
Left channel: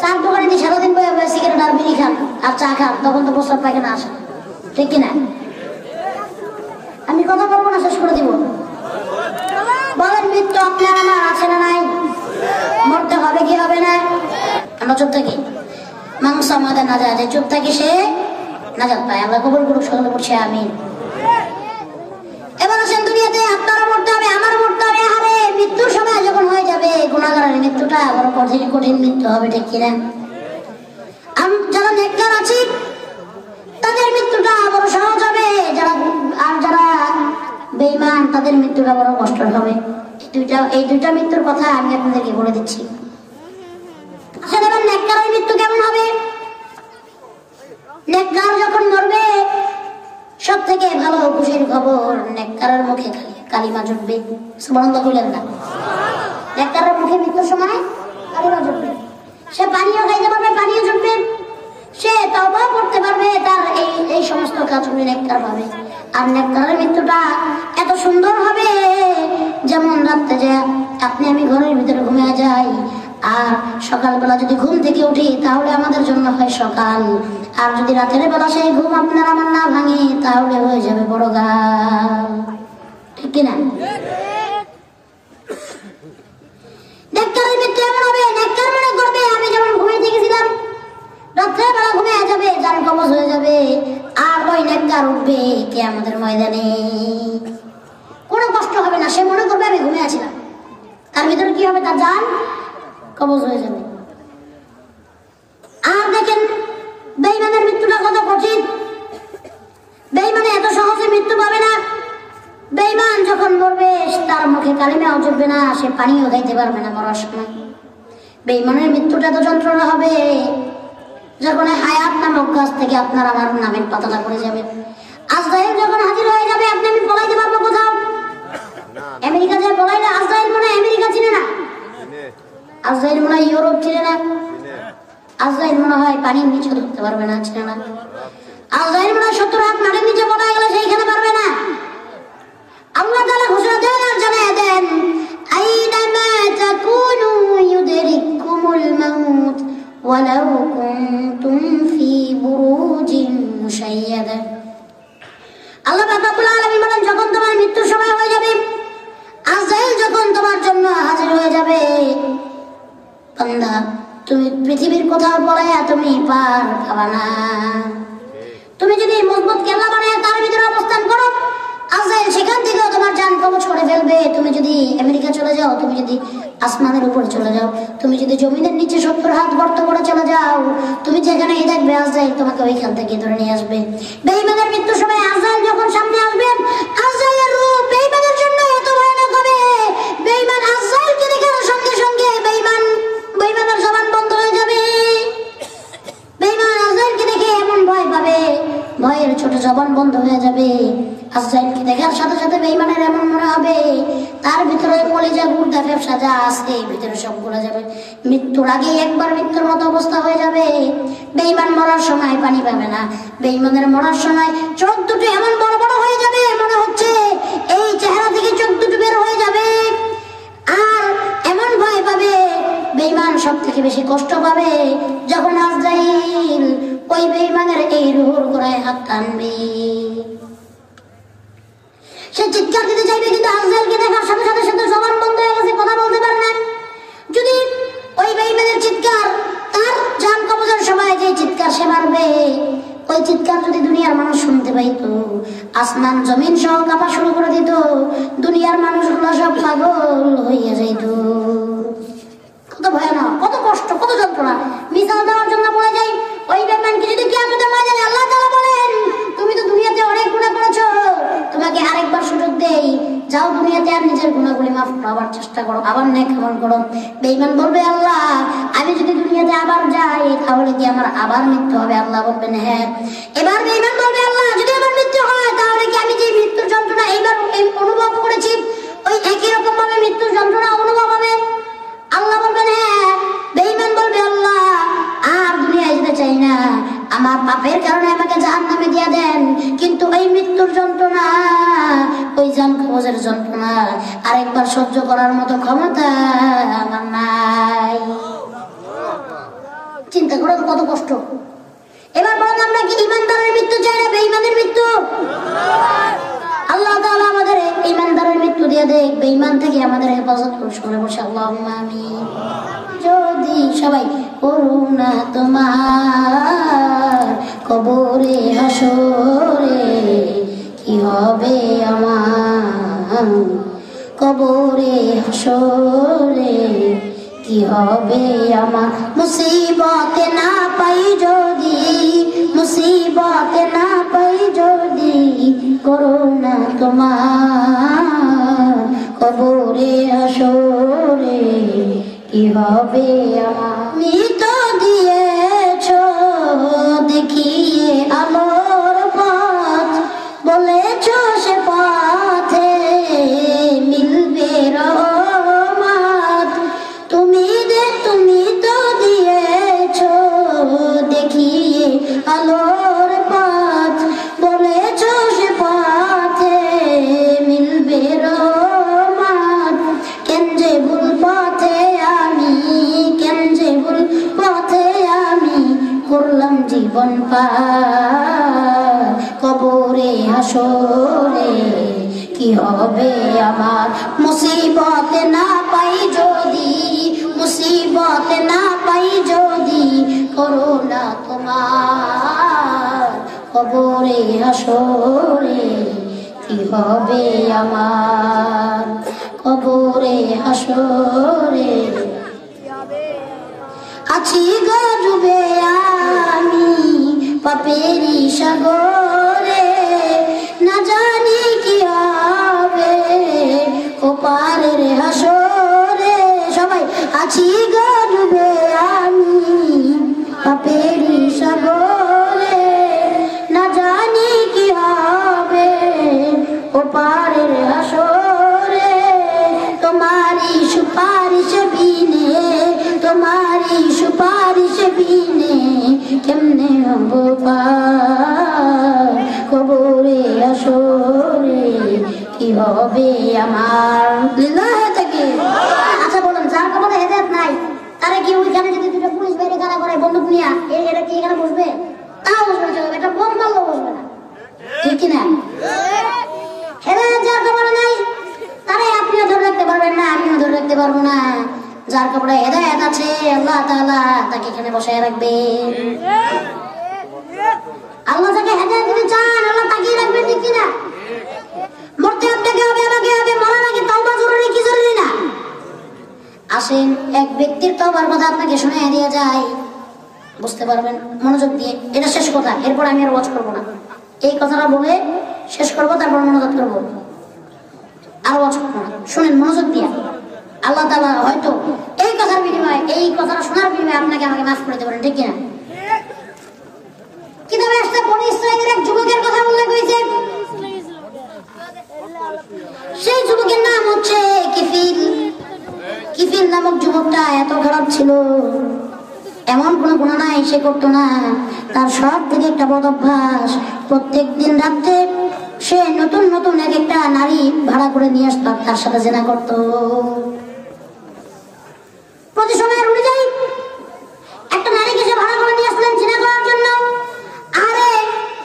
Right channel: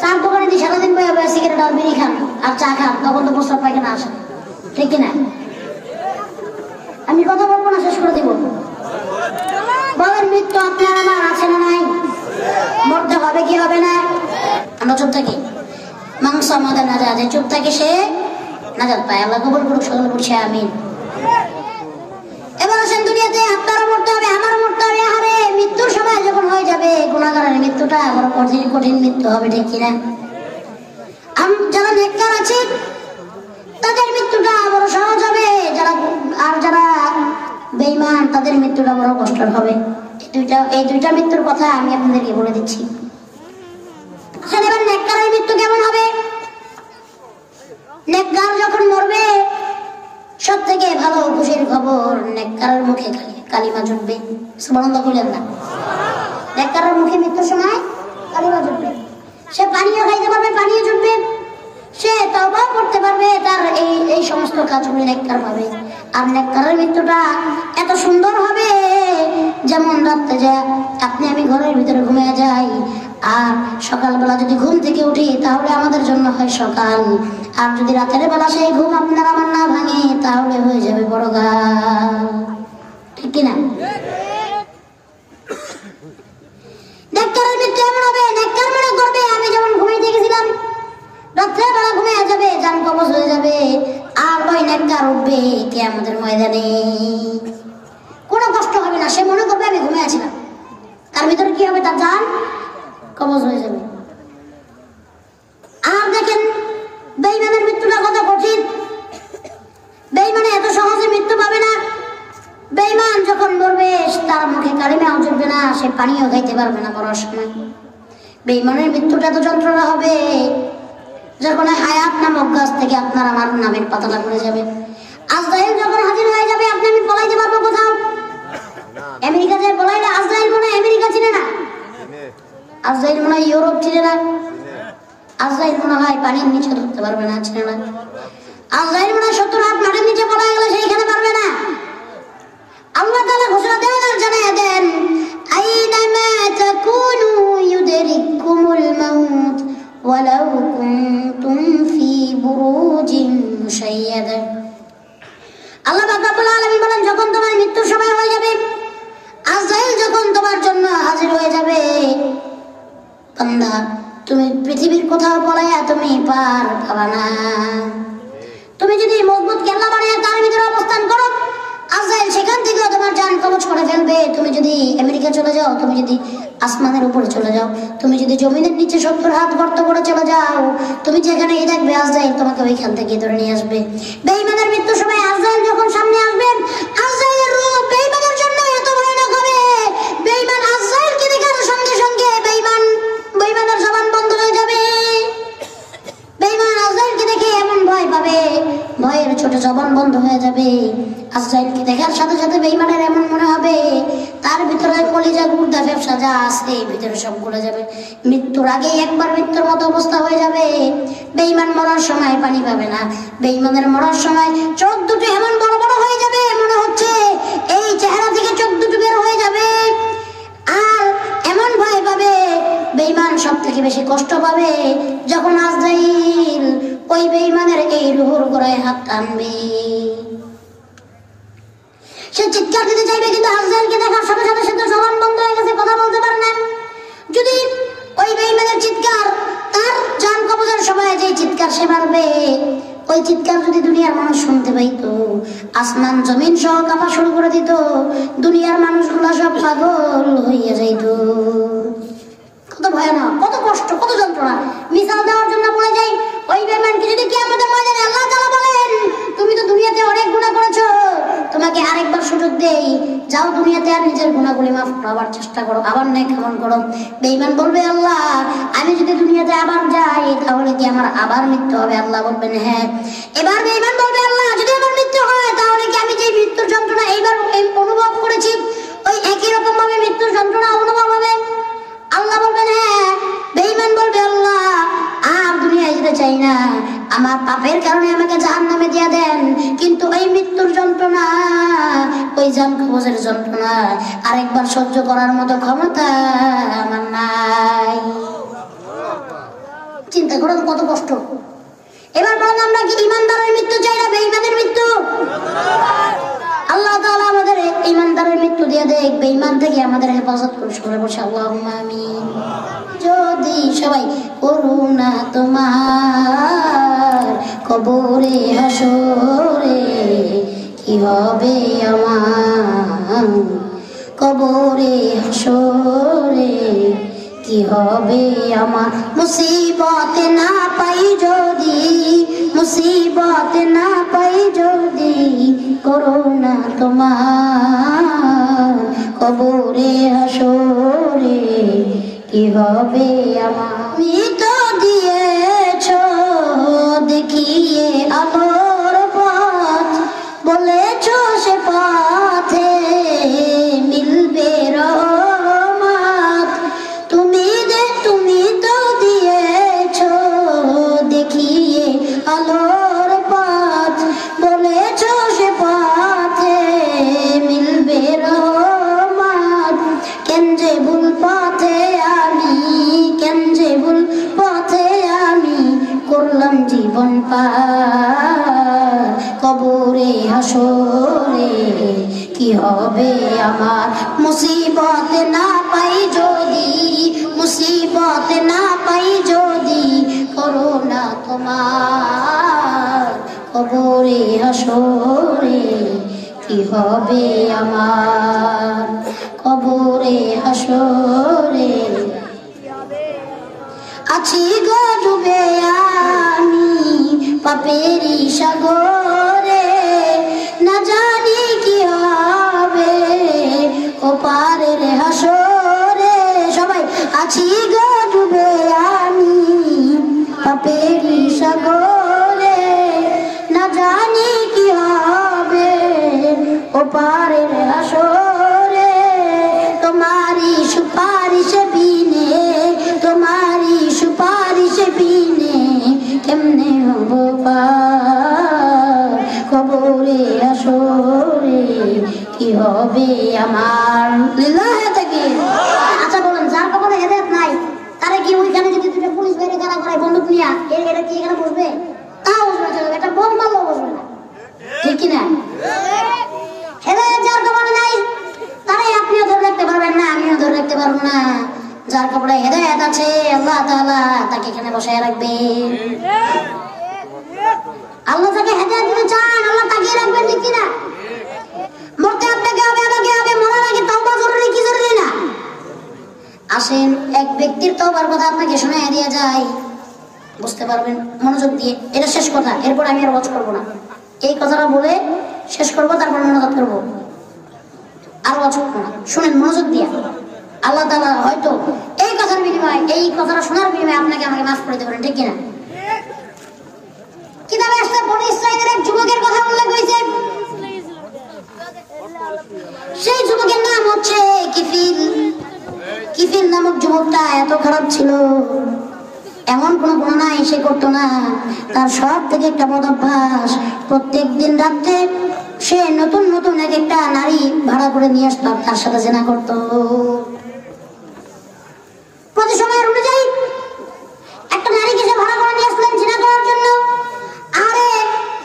চার দোকানে দিয়ে সারাদিন বই হবে, সিগারেট আর বিড়ি খান আর চা খান, তখন তো বসলাম পাইখানা আসে, ঠিক কিনা? আমি কথা বলবো না, শেষ করে দিব। বলেন, মৃত্যু আপনার আমার আছে না নাই? মরতে হবে কি হবে না? আমরা চুপ থাকি, মাংস আমাদের না যায়, চুপ থাকি সে নাজাত পায়। আল্লাহ কবুল করুক, সকল করছে আমিন। এবার আসেন, দুনিয়াতে আপনারও মরতে হবে, আমারও মরতে হবে। আরে মৃত্যুর সময় যখন হয়ে যাবে, গুনাহগারের মৃত্যুটা বড় কঠিন কঠিন মৃত্যু হবে, ঠিক কিনা? যারা নেককার আছে তাদের মৃত্যুটা বড় সহজ হবে, আর যারা বেঈমান তাদের মৃত্যুটা বড় কষ্টের হবে। এই দুইটা মৃত্যুর কথা আমি আপনাদেরকে বলে দিচ্ছি। নেককারের মৃত্যু কেমন হবে? নেককার যখন মরবে, সব থেকে ভালো খুশির খবর, নেককারের মুখে কালিমা জুটবে। সুবহানাল্লাহ বললেন না? নেককারের মুখে মৃত্যুর সময় কালিমা জুটবে, সে পানিও খাইতে পারবে, পানিও জুটবে, সে তওবা করতে পারবে, তার এই সমস্ত কাজগুলো নেককার পাবে। আর নেককারের মৃত্যুটা এত সুন্দর হবে, যেমন রাত্রে যে আপনি আমি ঘরের ভিতরে ঘুমিয়ে যাই, আর সকালবেলা যদি ঘুম থেকে উঠি তাহলে আমাদের জন্য হয় সকাল, আর যদি রাতের বেলা সেই ঘুম আপনার আমার না ভাঙে তাহলে হয়ে যাবে বড় গাল, ঠিক কিনা? নেককারের মৃত্যু এমন হবে, নেককার মনে করবে আমি যেমন ঘুমিয়ে গেছিলাম, রাত্রে বেলা ঘুমিয়ে যাবে, জান কবজ হয়ে যাবে, আর ওই নেককার উঠবে কিয়ামতের ময়দানে, কোনো কষ্ট হবে না, সে মনে করবে আমি ঘুমিয়ে আছিলাম। তার ভিতরে কি হবে? তার জান কবজ হয়ে যাবে। আর দেখেন বেঈমানের মৃত্যুটা কত কঠিন। বেঈমানে এত সহজে মৃত্যু পাবে না। বেঈমান যখন মরবে তার মুখে কালিমাও জুটবে না, সে পানিও খাইতে পারবে না মরার সময়। বেঈমানের মৃত্যুটা তো যন্ত্রণা হবে, যখন হায়াত নামক গাছ থেকে আপনার আমার নামের পাতাটা পড়ে যাবে। আজরাইল যখন হাজির হয়ে যাবে, আপনি আমি পলাইতে পারবো কোথাও? আমেরিকা যায় পলাইলে আজরাইল মনে হয় আমেরিকা চিনে না, আজরাইল মনে হয় ইউরোপ চিনে না, আজরাইল মনে হয় পানির নিচে ঢুকতে পারবে না, চিনে না। আজরাইল মনে হয় 70 হাত মাটির নিচে পড়া গেলে সেইখানে পারবে না। আল্লাহ তাআলা ঘোষণা দেন আর জানিয়ে দেন, আইনামা তাকুনু ইউদরিকুমুল মাউত ওয়ালাউ কুনতুম ফি বুরুজিন মুশাইয়াদা। আল্লাহ রাব্বুল আলামিন বলেন, যখন তোমার মৃত্যুর সময় হয়ে যাবে, আজরাইল যখন তোমার জন্য হাজির হয়ে যাবে, বান্দা তুমি পৃথিবীর কোথাও পড়ে তুমি পার পাবা না। তুমি যদি মজবুত কেল্লা বানায় তার ভিতরে অবস্থান করো, আজরাইল সেখান থেকে তোমার জান কবজ করে ফেলবে। তুমি যদি আমেরিকা চলে যাও, তুমি যদি আসমানের উপরে চলে যাও, তুমি যদি জমিনের নিচে 70 হাত গর্ত করে চলে যাও, তুমি যেখানে দেখবে আজরাইল তোমাকে ওইখান থেকে ধরে নিয়ে আসবে। বেঈমানের মৃত্যুর সময় আজরাইল যখন সামনে আসবেন, আজরাইলের রূপ বেঈমানের জন্য এত ভয়ানক হবে, বেঈমান আজরাইলকে দেখার সঙ্গে সঙ্গে বেঈমানের জবান বন্ধ হয়ে যাবে। বেঈমান আজরাইলকে দেখে এমন ভয় পাবে, ভয়ের ছোট জবান বন্ধ হয়ে যাবে। আজরাইলকে দেখার সাথে সাথে বেঈমানের এমন মনে হবে তার ভিতরে কলিজা গুর্দা ফেফসা যা আছে ভিতরে সব গলে যাবে, মৃত্যুর আগেই একবার মৃত্যুর মতো অবস্থা হয়ে যাবে। বেঈমান মরার সময় পানি পাবে না, বেঈমানের মরার সময় চোখ দুটো এমন বড় বড় হয়ে যাবে মনে হচ্ছে এই চেহারা থেকে চোখ দুটো বের হয়ে যাবে। আর এমন ভয় পাবে বেঈমান সব থেকে বেশি কষ্ট পাবে যখন আজরাইল ওই বেঈমানের এই রুহুর গোড়ায় হাত টানবে। সে চিৎকার দিতে চাইবে কিন্তু আজরাইলকে দেখার সাথে সাথে সে তো জবান বন্ধ হয়ে গেছে, কথা বলতে পারে না। যদি ওই বেঈমানের চিৎকার তার জান কবজের সময় যে চিৎকার সে মারবে ওই চিৎকার যদি দুনিয়ার মানুষ শুনতে পাইতো আসমান জমিন সহ কাঁপা শুরু করে দিত, দুনিয়ার মানুষগুলা সব পাগল হইয়া যাইত। কত ভয়ানক, কত কষ্ট, কত যন্ত্রণা। মিসাল দেওয়ার জন্য বলা যায় ওই বেঈমানকে যদি কিয়ামতের ময়দানে আল্লাহ তাআলা বলেন তুমি তো দুনিয়াতে অনেক গুনাহ করেছো, তোমাকে আরেকবার সুযোগ দেই, যাও দুনিয়াতে আর নিজের গুনাহগুলি মাফ করার চেষ্টা করো, আবার নেক আমল করো। বেঈমান বলবে আল্লাহ আমি যদি দুনিয়াতে আবার যাই তাহলে কি আমার আবার মৃত্যু হবে? আল্লাহ বলবেন হ্যাঁ। এবার বেঈমান বলবে আল্লাহ যদি আমার মৃত্যু হয় তাহলে কি আমি যে মৃত্যুর যন্ত্রণা এইবার অনুভব করেছি ওই একই রকম ভাবে মৃত্যুর যন্ত্রণা অনুভব হবে? আল্লাহ বলবেন হ্যাঁ। বেঈমান বলবে আল্লাহ আর দুনিয়ায় যেতে চাই না, আমার পাপের কারণে আমাকে জাহান্নামে দিয়ে দেন, কিন্তু ওই মৃত্যুর যন্ত্রণা ওই জান কবজের যন্ত্রণা আরেকবার সহ্য করার মতো ক্ষমতা আমার নাই। চিন্তা করো কত কষ্ট। এবার বললাম নাকি ইমানদারের মৃত্যু চাই না বেঈমানের মৃত্যু? আল্লাহ তাআলা আমাদের ইমানদারের মৃত্যু দিয়ে দেখ, বেঈমান থেকে আমাদের হেফাজত করুন। সবাই বসে আল্লাহুম্মা আমিন। যদি সবাই করুণা তোমার কবরে হাসরে কি হবে আমার, কবরে হাসরে কি হবে আমার, মুসিবতে না পাই যদি, মুসিবতে না পাই যদি করুণা তোমার কবরে হাসরে কি হবে আমার। মৃত দিয়েছ দেখিয়ে আলোর পথ, বলেছ সে পথে মিলবে রহমত, তুমি তো দিয়েছ দেখিয়ে আলোর পথ, বলেছ সে পথে মিলবে রহমত, কেন যে ভুল পথে আমি, কেন যে ভুল পথে আমি করলাম জীবন পার, কবরে হাসরে কি হবে আমার, মুসিবতে না পাই যদি, মুসিবতে না পাই যদি করুণা তোমার কবরে হাসরে কি হবে আমার, কবরে হাসরে আছি গো ডুবে আমি পাপেরই সাগরে, না জানি কি হবে ওপারের হাসরে। সবাই আছি গো ডুবে আমি পাপেরই সাগরে, না জানি কি হবে ওপারের হাসরে। তোমারই সুপারিশ বিনে, তোমারই সুপারিশ বিনে কেমনে হব পার, কবরে হাসরে কি হবে আমার। লিল্লাহি তাকবীর। আচ্ছা বলেন যার কবরে হেদায়েত নাই তারা কি ওইখানে যদি দুটো পুলিশ বাইরে দাঁড়া করে বন্দুক নিয়ে এটা কি এখানে বসবে? তাও বসবে না, একটা বোম মারলেও বসবে না, ঠিক কিনা? হেদায়েত যার কবরে নাই তারে আপনিও ধরে রাখতে পারবেন না, আমিও ধরে রাখতে পারবো না। যার কবরে হেদায়েত আছে আল্লাহ তাআলা তাকে এখানে বসায় রাখবে। আল্লাহ তাকে হেদায়েত দিতে চান, আল্লাহ তাকিয়ে রাখবেন, ঠিক কিনা? মরতে আপনাকে হবে, আমাকে হবে, মরার আগে তাওবা জরুরি কি জরুরি না? আসেন এক ব্যক্তির তওবার কথা আপনাকে শোনায় দেয়া যায়, বুঝতে পারবেন মনোযোগ দিয়ে। এটা শেষ কথা, এরপর আমি আর ওয়াজ করবো না। এই কথাটা বলে শেষ করবো, তারপর মনোযোগ করবো, আর ওয়াজ করবো না। শুনেন মনোযোগ দিয়ে। আল্লাহ তাআলা হয়তো এই কথার বিনিময়ে, এই কথাটা শোনার বিনিময়ে আপনাকে আমাকে মাফ করে দেবেন, ঠিক কিনা? কিতাবে আসলে বনি ইসরাঈলের এক যুবকের কথা উল্লেখ হয়েছে। ছিল, এমন কোনো গুনাহ নাই সে করতো না। তার সব থেকে একটা বদ অভ্যাস, প্রত্যেক দিন রাত্রে সে নতুন নতুন এক একটা নারী ভাড়া করে নিয়ে আসতো, তার সাথে জিনা করতো। প্রতি সময় অনুযায়ী একটা নারীকে সে ভাড়া করে নিয়ে আসলাম জিনা করার জন্য। আরে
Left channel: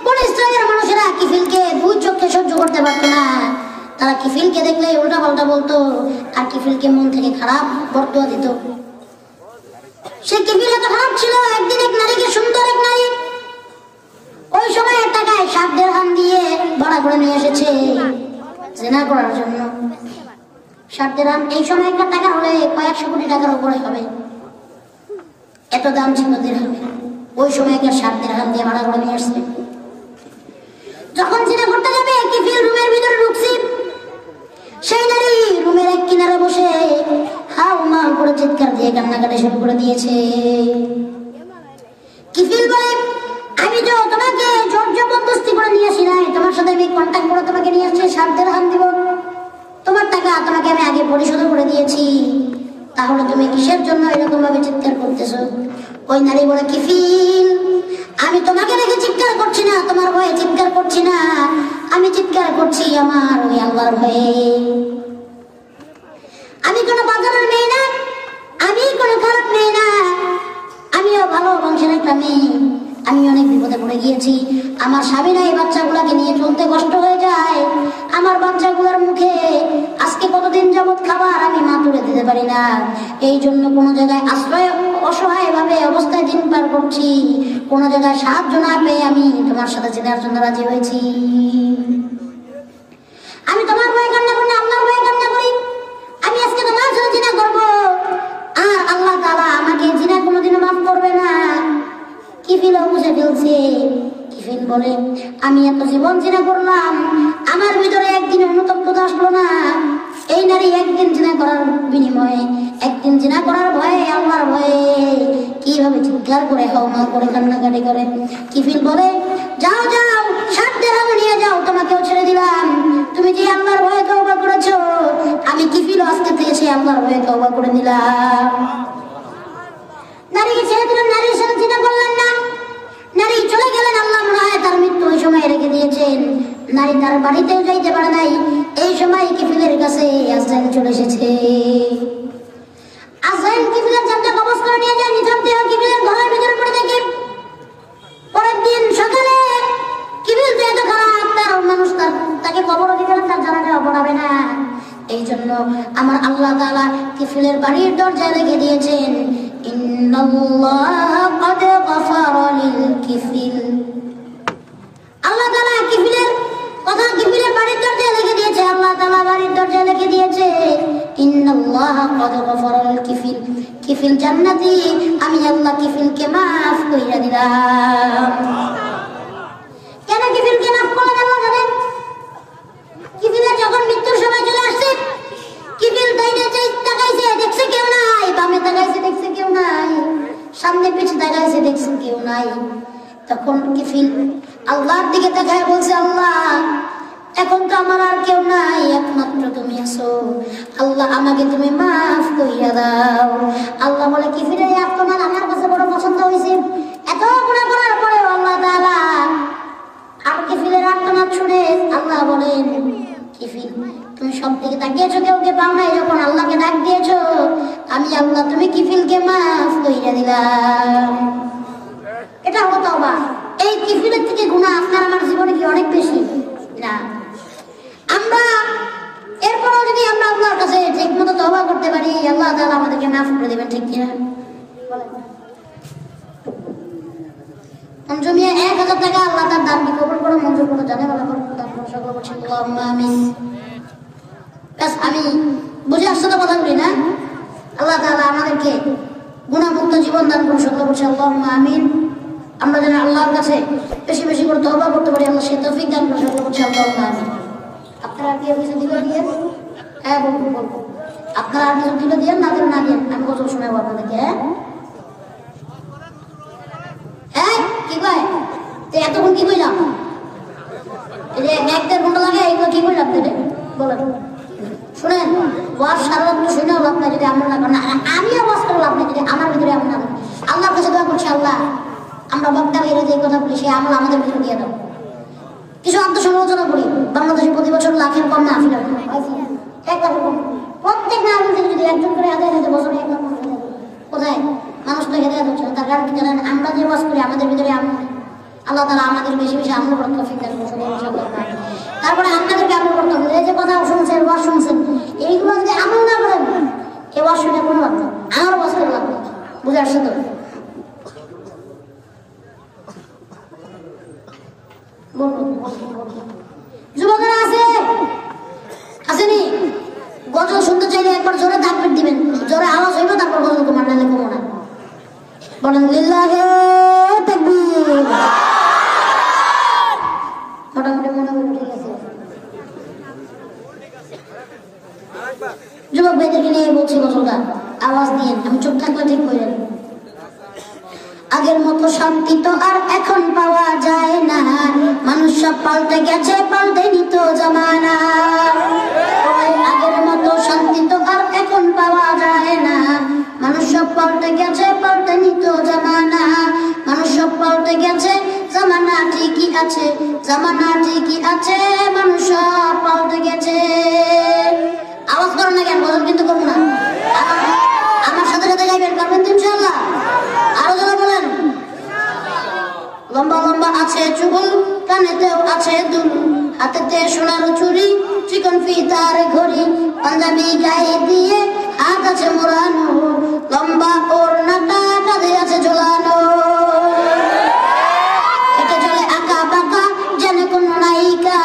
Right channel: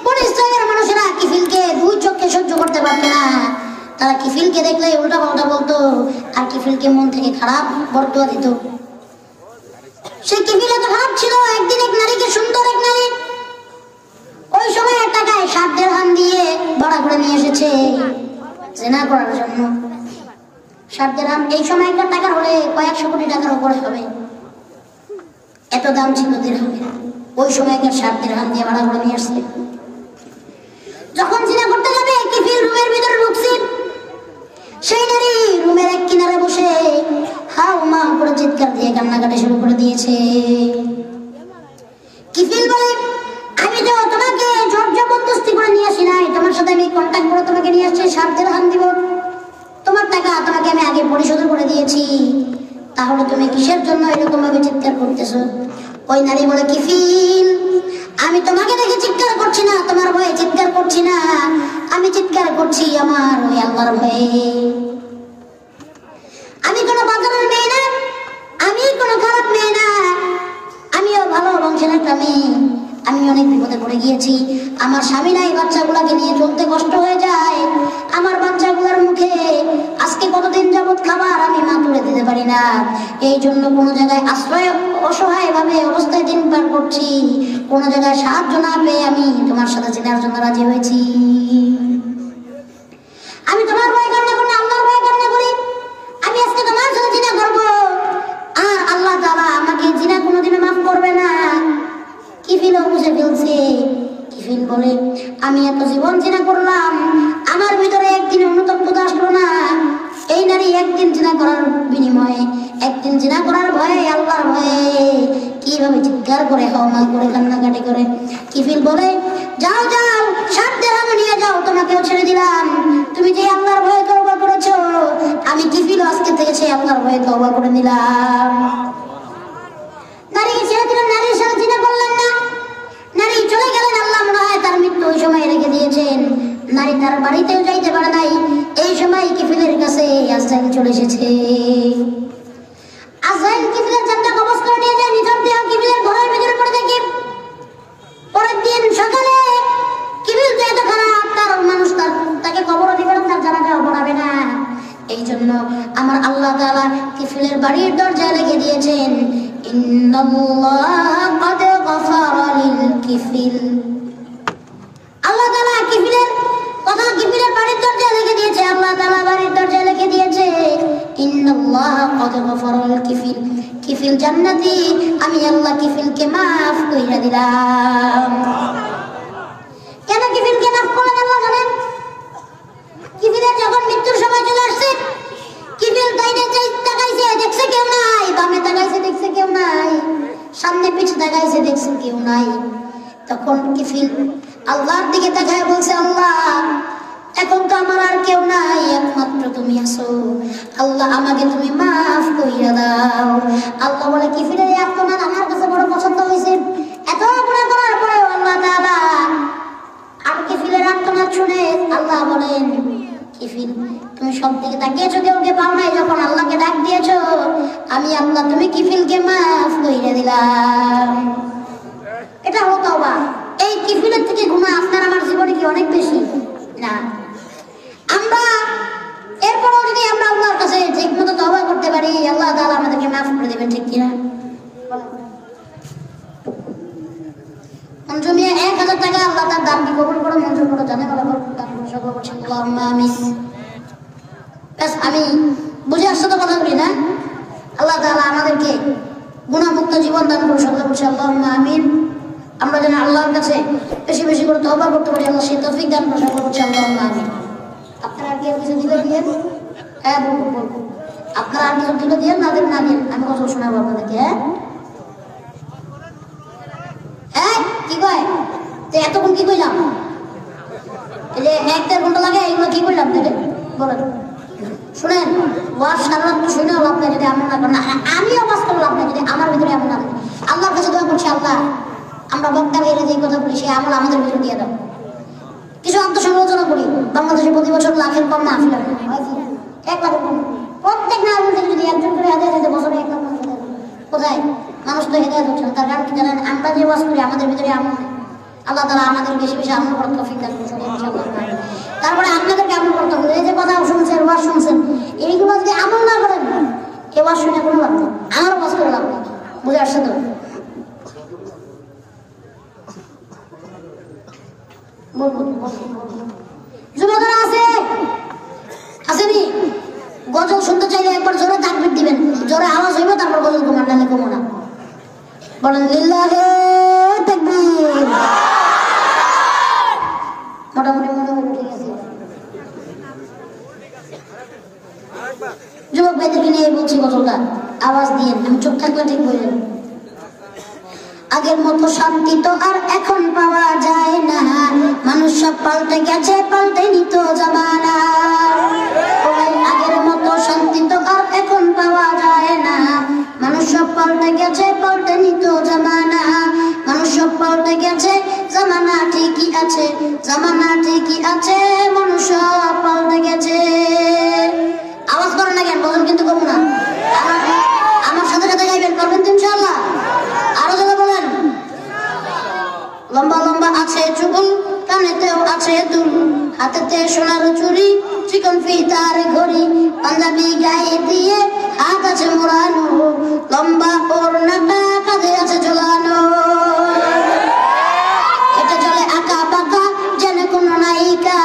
বনে ইসরায়েলের মানুষেরা কিফিলকে দুই চোখে সহ্য করতে পারতো না। তারা কিফিলকে দেখলে উল্টা পাল্টা বলতো, আর কিফিলকে মন থেকে খারাপ বর্তোয়া দিত। সে কিফিল এত খারাপ ছিল, একদিন এক নারীকে, সুন্দর এক নারী, ওই সময় টাকায় 7 দিরহাম দিয়ে ভাড়া করে নিয়ে এসেছে জিনা করার জন্য। 7 দিরহাম এই সময় একটা টাকা হলে কয়েকশো কোটি টাকার উপরে হবে, এত দাম ছিল দিরহামের। ওই সময় একটা 7 দিরহাম দিয়ে ভাড়া করে নিয়ে আসছে। যখন জিনা করতে যাবে কিফিল রুমের ভিতরে ঢুকছে, সেই নারী রুমের এক কিনারে বসে হাউ মাউ করে চিৎকার দিয়ে কান্নাকাটি শুরু করে দিয়েছে। কিফিল বলে, আমি তো তোমাকে জোর জবরদস্তি করে নিয়ে আসি নাই, তোমার সাথে আমি কন্ট্যাক্ট করে তোমাকে নিয়ে আসছি, 7 দিরহাম দিব, তোমার টাকা তোমাকে আমি আগে পরিশোধ করে দিয়েছি, তাহলে তুমি কিসের জন্য এরকম ভাবে চিৎকার করতেছো? ওই নারী বলে, কিফিল আমি তোমাকে দেখে চিৎকার করছি না, তোমার ভয়ে চিৎকার করছি না, আমি চিৎকার করছি আমার ওই আল্লাহর ভয়ে। আমি কোনো বাজারের মেয়ে না, আমি কোনো খারাপ মেয়ে না, আমিও ভালো বংশের একটা মেয়ে। আমি অনেক বিপদে পড়ে গিয়েছি, আমার স্বামী নাই, বাচ্চাগুলাকে নিয়ে চলতে কষ্ট হয়ে যায়, আমার বাচ্চাগুলোর মুখে আজকে কতদিন যাবত খাবার আমি মা তুলে দিতে পারি না, এই জন্য কোনো জায়গায় আশ্রয় অসহায় ভাবে অবস্থায় দিন পার করছি, কোনো জায়গায় সাহায্য না পেয়ে আমি তোমার সাথে জিনার জন্য রাজি হয়েছি। আমি তোমার ভয়ে কান্না করি না, আল্লাহর ভয়ে কান্না করি। আমি আজকে তোমার সাথে জিনা করবো, আর আল্লাহ তাআলা আমাকে জিনা কোনোদিনও মাফ করবে না। কিফিল বুঝে ফেলছে। কিফিল বলে, আমি এত জীবন জিনা করলাম, আমার ভিতরে একদিনে অনুতপ্ততা আসলো না। এই নারী একদিন জিনা করার বিনিময়ে, একদিন জিনা করার ভয়ে, আল্লাহর ভয়ে কিভাবে চিৎকার করে হাওমা করে কান্নাকাটি করে। কিফিল বলে, যাও যাও 7 দিরহাম নিয়ে যাও, তোমাকেও ছেড়ে দিলাম, তুমি যে আল্লাহর ভয়ে তওবা করেছো, আমি কিফিল আজকে থেকে সে আল্লাহর ভয়ে তওবা করে দিলাম। নারীকে ছেড়ে দিলাম, নারীর সাথে জিনা করলেন না, নারী চলে গেলেন। আল্লাহ মনে হয় তার মৃত্যু ওই সময় রেখে দিয়েছেন, নারী তার বাড়িতেও যাইতে পারে নাই। এই সময় কিফিলের কাছে আজরাইল চলে এসেছে। আজরাইল কিফিলের জানটা কবজ করে নিয়ে যায়, নিজাম দেহ কিফিলের ঘরের ভিতরে পড়ে থাকে। পরের দিন সকালে কিফিল তো এত খারাপ, তার মানুষ তাকে কবরও দিবে না, তার জানাজাও পড়াবে না। এই জন্য আমার আল্লাহ তাআলা কিফিলের বাড়ির দরজা লিখে দিয়েছেন, ইন্নাল্লাহ ক্বাদ গফারা লিল কিফিল। আল্লাহ তাআলা কিফিলের কথা কিফিলের বাড়ির দরজা লিখে দিয়েছে, আল্লাহ তাআলা বাড়ির দরজা লিখে দিয়েছে, ইন্নাল্লাহ ক্বাদ গফারা লিল কিফিল। কিফিল জান্নাতি, আমি আল্লাহ কিফিলকে মাফ কইরা দিলাম। কেন কিফিলকে মাফ করলেন আল্লাহ জানেন? কিফিলের যখন মৃত্যুর সময় চলে আসছে, কিফিল তাকাইছে, দেখছে কেউ নাই, বামে তাকাইছে, দেখছে কেউ নাই, সামনে পিছে তাকাইছে, দেখছে কেউ নাই। তখন কিফিল আল্লাহর দিকে তাকায় বলছে, আল্লাহ এখন তো আমার আর কেউ নাই, একমাত্র তুমি আছো, আল্লাহ আমাকে তুমি মাফ কইরা দাও। আল্লাহ বলে, কিফিলের এই আত্মনার আমার কাছে বড় পছন্দ হয়েছে, এত গুনাহ করার পরে আল্লাহ তাআলা আর কিফিলের আত্মনার শুনে আল্লাহ বলেন, কিফিল তুমি সব দিকে তাকিয়েছো, কেউকে পাও নাই, যখন আল্লাহকে ডাক দিয়েছো, আমি আল্লাহ তুমি কিফিলকে মাফ কইরা দিলাম। এটা হলো তওবা। এই কিফিলের থেকে গুনাহ আপনার আমার জীবনে কি অনেক বেশি না? আমরা এরপরও যদি আমরা আল্লাহর কাছে ঠিকমতো তওবা করতে পারি, আল্লাহ তাআলা আমাদেরকে মাফ করে দেবেন, ঠিক কিনা? মঞ্জু মিয়া 1000 টাকা আল্লাহ তার দানকে কবুল করে মঞ্জুর করে জানে বলা আমিন। আমি বুঝে আসছে তো কথাগুলি না? আল্লাহ তাআলা আমাদেরকে গুনাহমুক্ত জীবন দান করে সত্য করছে, আল্লাহুম্মা আমিন। আমরা যেন আল্লাহর কাছে বেশি বেশি করে তওবা করতে পারি, আল্লাহ সেই তৌফিক দান করে সত্য করছে, আল্লাহুম্মা আমিন। আপনারা কি কিছু দিলে দিয়ে? হ্যাঁ বলবো। আপনারা আর কিছু দিলে দিয়ে, না দেন না দেন, আমি কথা শোনাবো আপনাদেরকে। হ্যাঁ কি কয়? এতক্ষণ কি কইলাম? এই যে 1-1.5 ঘন্টা লাগে, এগুলো কি করলাম তাহলে বলেন? শুনেন, ওয়াজ সারা রাত শুনেও লাভ নাই যদি আমরা না করেন। আমি আওয়াজ করে লাভ নাই যদি আমার ভিতরে এমন না। আল্লাহর কাছে দোয়া করছি, আল্লাহ আমরা বক্তা বেড়ে যে কথা বলি সে আমল আমাদের ভিতরে দিয়ে দেন। কিছু আত্মসমালোচনা করি, বাংলাদেশে প্রতি বছর লাখের কম মাহফিল হয়, 1 লাখের কম। প্রত্যেক মাহফিল থেকে যদি একজন করে হাতে হাতে বছরে 1 লাখ মাহফিল হয়। কোথায় মানুষ তো হেঁটে হচ্ছে না, তার কারণ কি জানেন? আমরা যে ওয়াজ করি আমাদের ভিতরে আমল, আল্লাহ তাআলা আমাদের বেশি বেশি আমল করার তৌফিক দান করুন ইনশাআল্লাহ। তারপরে আপনাদেরকে আমল করতে হবে। এই যে কথা শুনছেন, ওয়াজ শুনছেন, এইগুলো যদি আমল না করেন এ ওয়াজ শুনে কোনো লাভ নেই, আমার ওয়াজ করে লাভ নেই। বুঝে আসছে তো? যুবকরা আছে আসেনি? গজল শুনতে চাইলে একবার জোরে তাকবীর দিবেন, জোরে আওয়াজ হইবে, তারপর গজল কমান, নাহলে কমো না। বলেন লিল্লাহে তাকবীর। মোটামুটি ঠিক আছে। যুবক ভাইদেরকে নিয়ে বলছি গজলটা, আওয়াজ দিয়ে, আমি চুপ থাকলে ঠিক বললেন। আগের মতো শান্তি তো আর এখন পাওয়া যায় না, মানুষ সব পাল্টে গেছে, পাল্টেনি তো জামানা। আগের মতো শান্তি তো আর এখন পাওয়া যায় না, মানুষ সব পাল্টে গেছে, পাল্টেনি তো জামানা। মানুষ সব পাল্টে গেছে, জামানা ঠিকই আছে, জামানা ঠিকই আছে, মানুষ সব পাল্টে গেছে। আওয়াজ করেন না কেন? বলেন কিন্তু কম না, আমার সাথে সাথে যাইবেন, পারবেন তো ইনশাআল্লাহ। আরো যারা বলেন। লম্বা লম্বা আছে চুল, কানেতেও আছে দুল, হাতেতে সোনার চুড়ি, চিকন ফিতার ঘড়ি, পাঞ্জাবি গায়ে দিয়ে হাত আছে মোড়ানো, লম্বা ওড়নাটা কাঁধে আছে ঝোলানো। হেঁটে চলে আঁকা বাঁকা যেন কোন নায়িকা,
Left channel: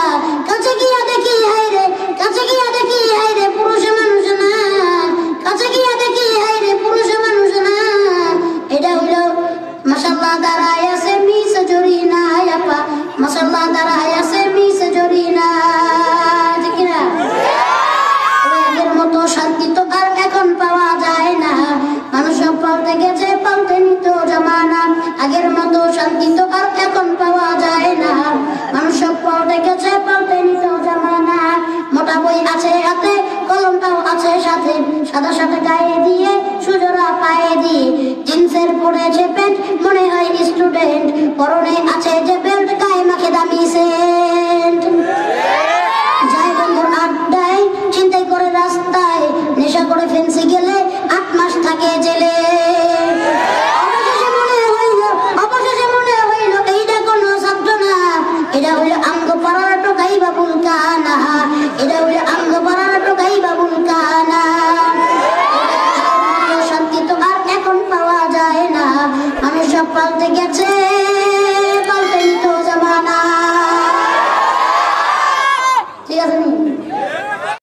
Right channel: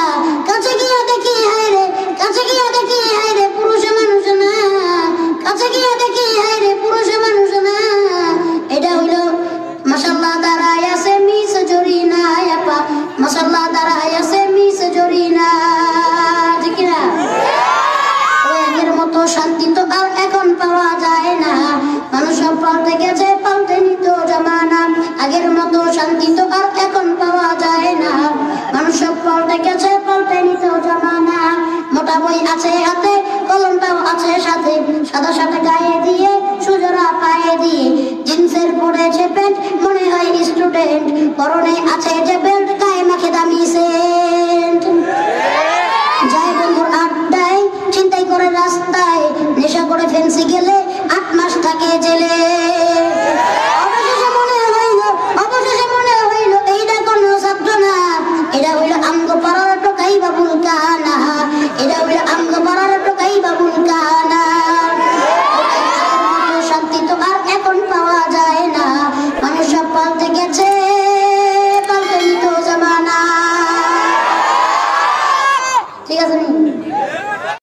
কাছে গিয়া দেখি হায়রে, কাছে গিয়া দেখি হায়রে, পুরুষে মানুষ না, কাছে গিয়া দেখি হায়রে, পুরুষে মানুষ না। এটা হইল মাশাআল্লাহ দাঁড়ায় আছে মিস জরিনা আপা, মাশাআল্লাহ দাঁড়ায় আছে মিস জরিনা, ঠিক না? আগের মতো শান্তি তো আর এখন পাওয়া যায় না, মানুষ সব পাল্টে গেছে, পাল্টেনি তো জামানা। আগের মতো শান্তি তো আর এখন পাওয়া যায় না, মানুষ সব পাল্টে গেছে, পাল্টেনি তো জামানা। মোটা বই আছে হাতে, কলমটাও আছে সাথে, সাদা সাথে গায়ে দিয়ে, সুজোড়া পায়ে দিয়ে, জিন্সের পড়েছে প্যান্ট, মনে হয় স্টুডেন্ট, পরনে আছে যে বেল্ট, গায়ে মাখে দামি সেন্ট। যাই বন্ধুর আড্ডায়, চিন্তাই করে রাস্তায়, নেশা করে ফেন্সি গেলে 8 মাস থাকে জেলে। অবশেষে মনে হইল এইটা কোনো ছাত্র না, এটা হইল আঙ্গ পাড়ার টোকাই বাবুল কানা, এটা হইল আঙ্গ পাড়ার টোকাই বাবুল কানা। শান্তি তো আর এখন পাওয়া যায় না, মানুষ সব পাল্টে গেছে,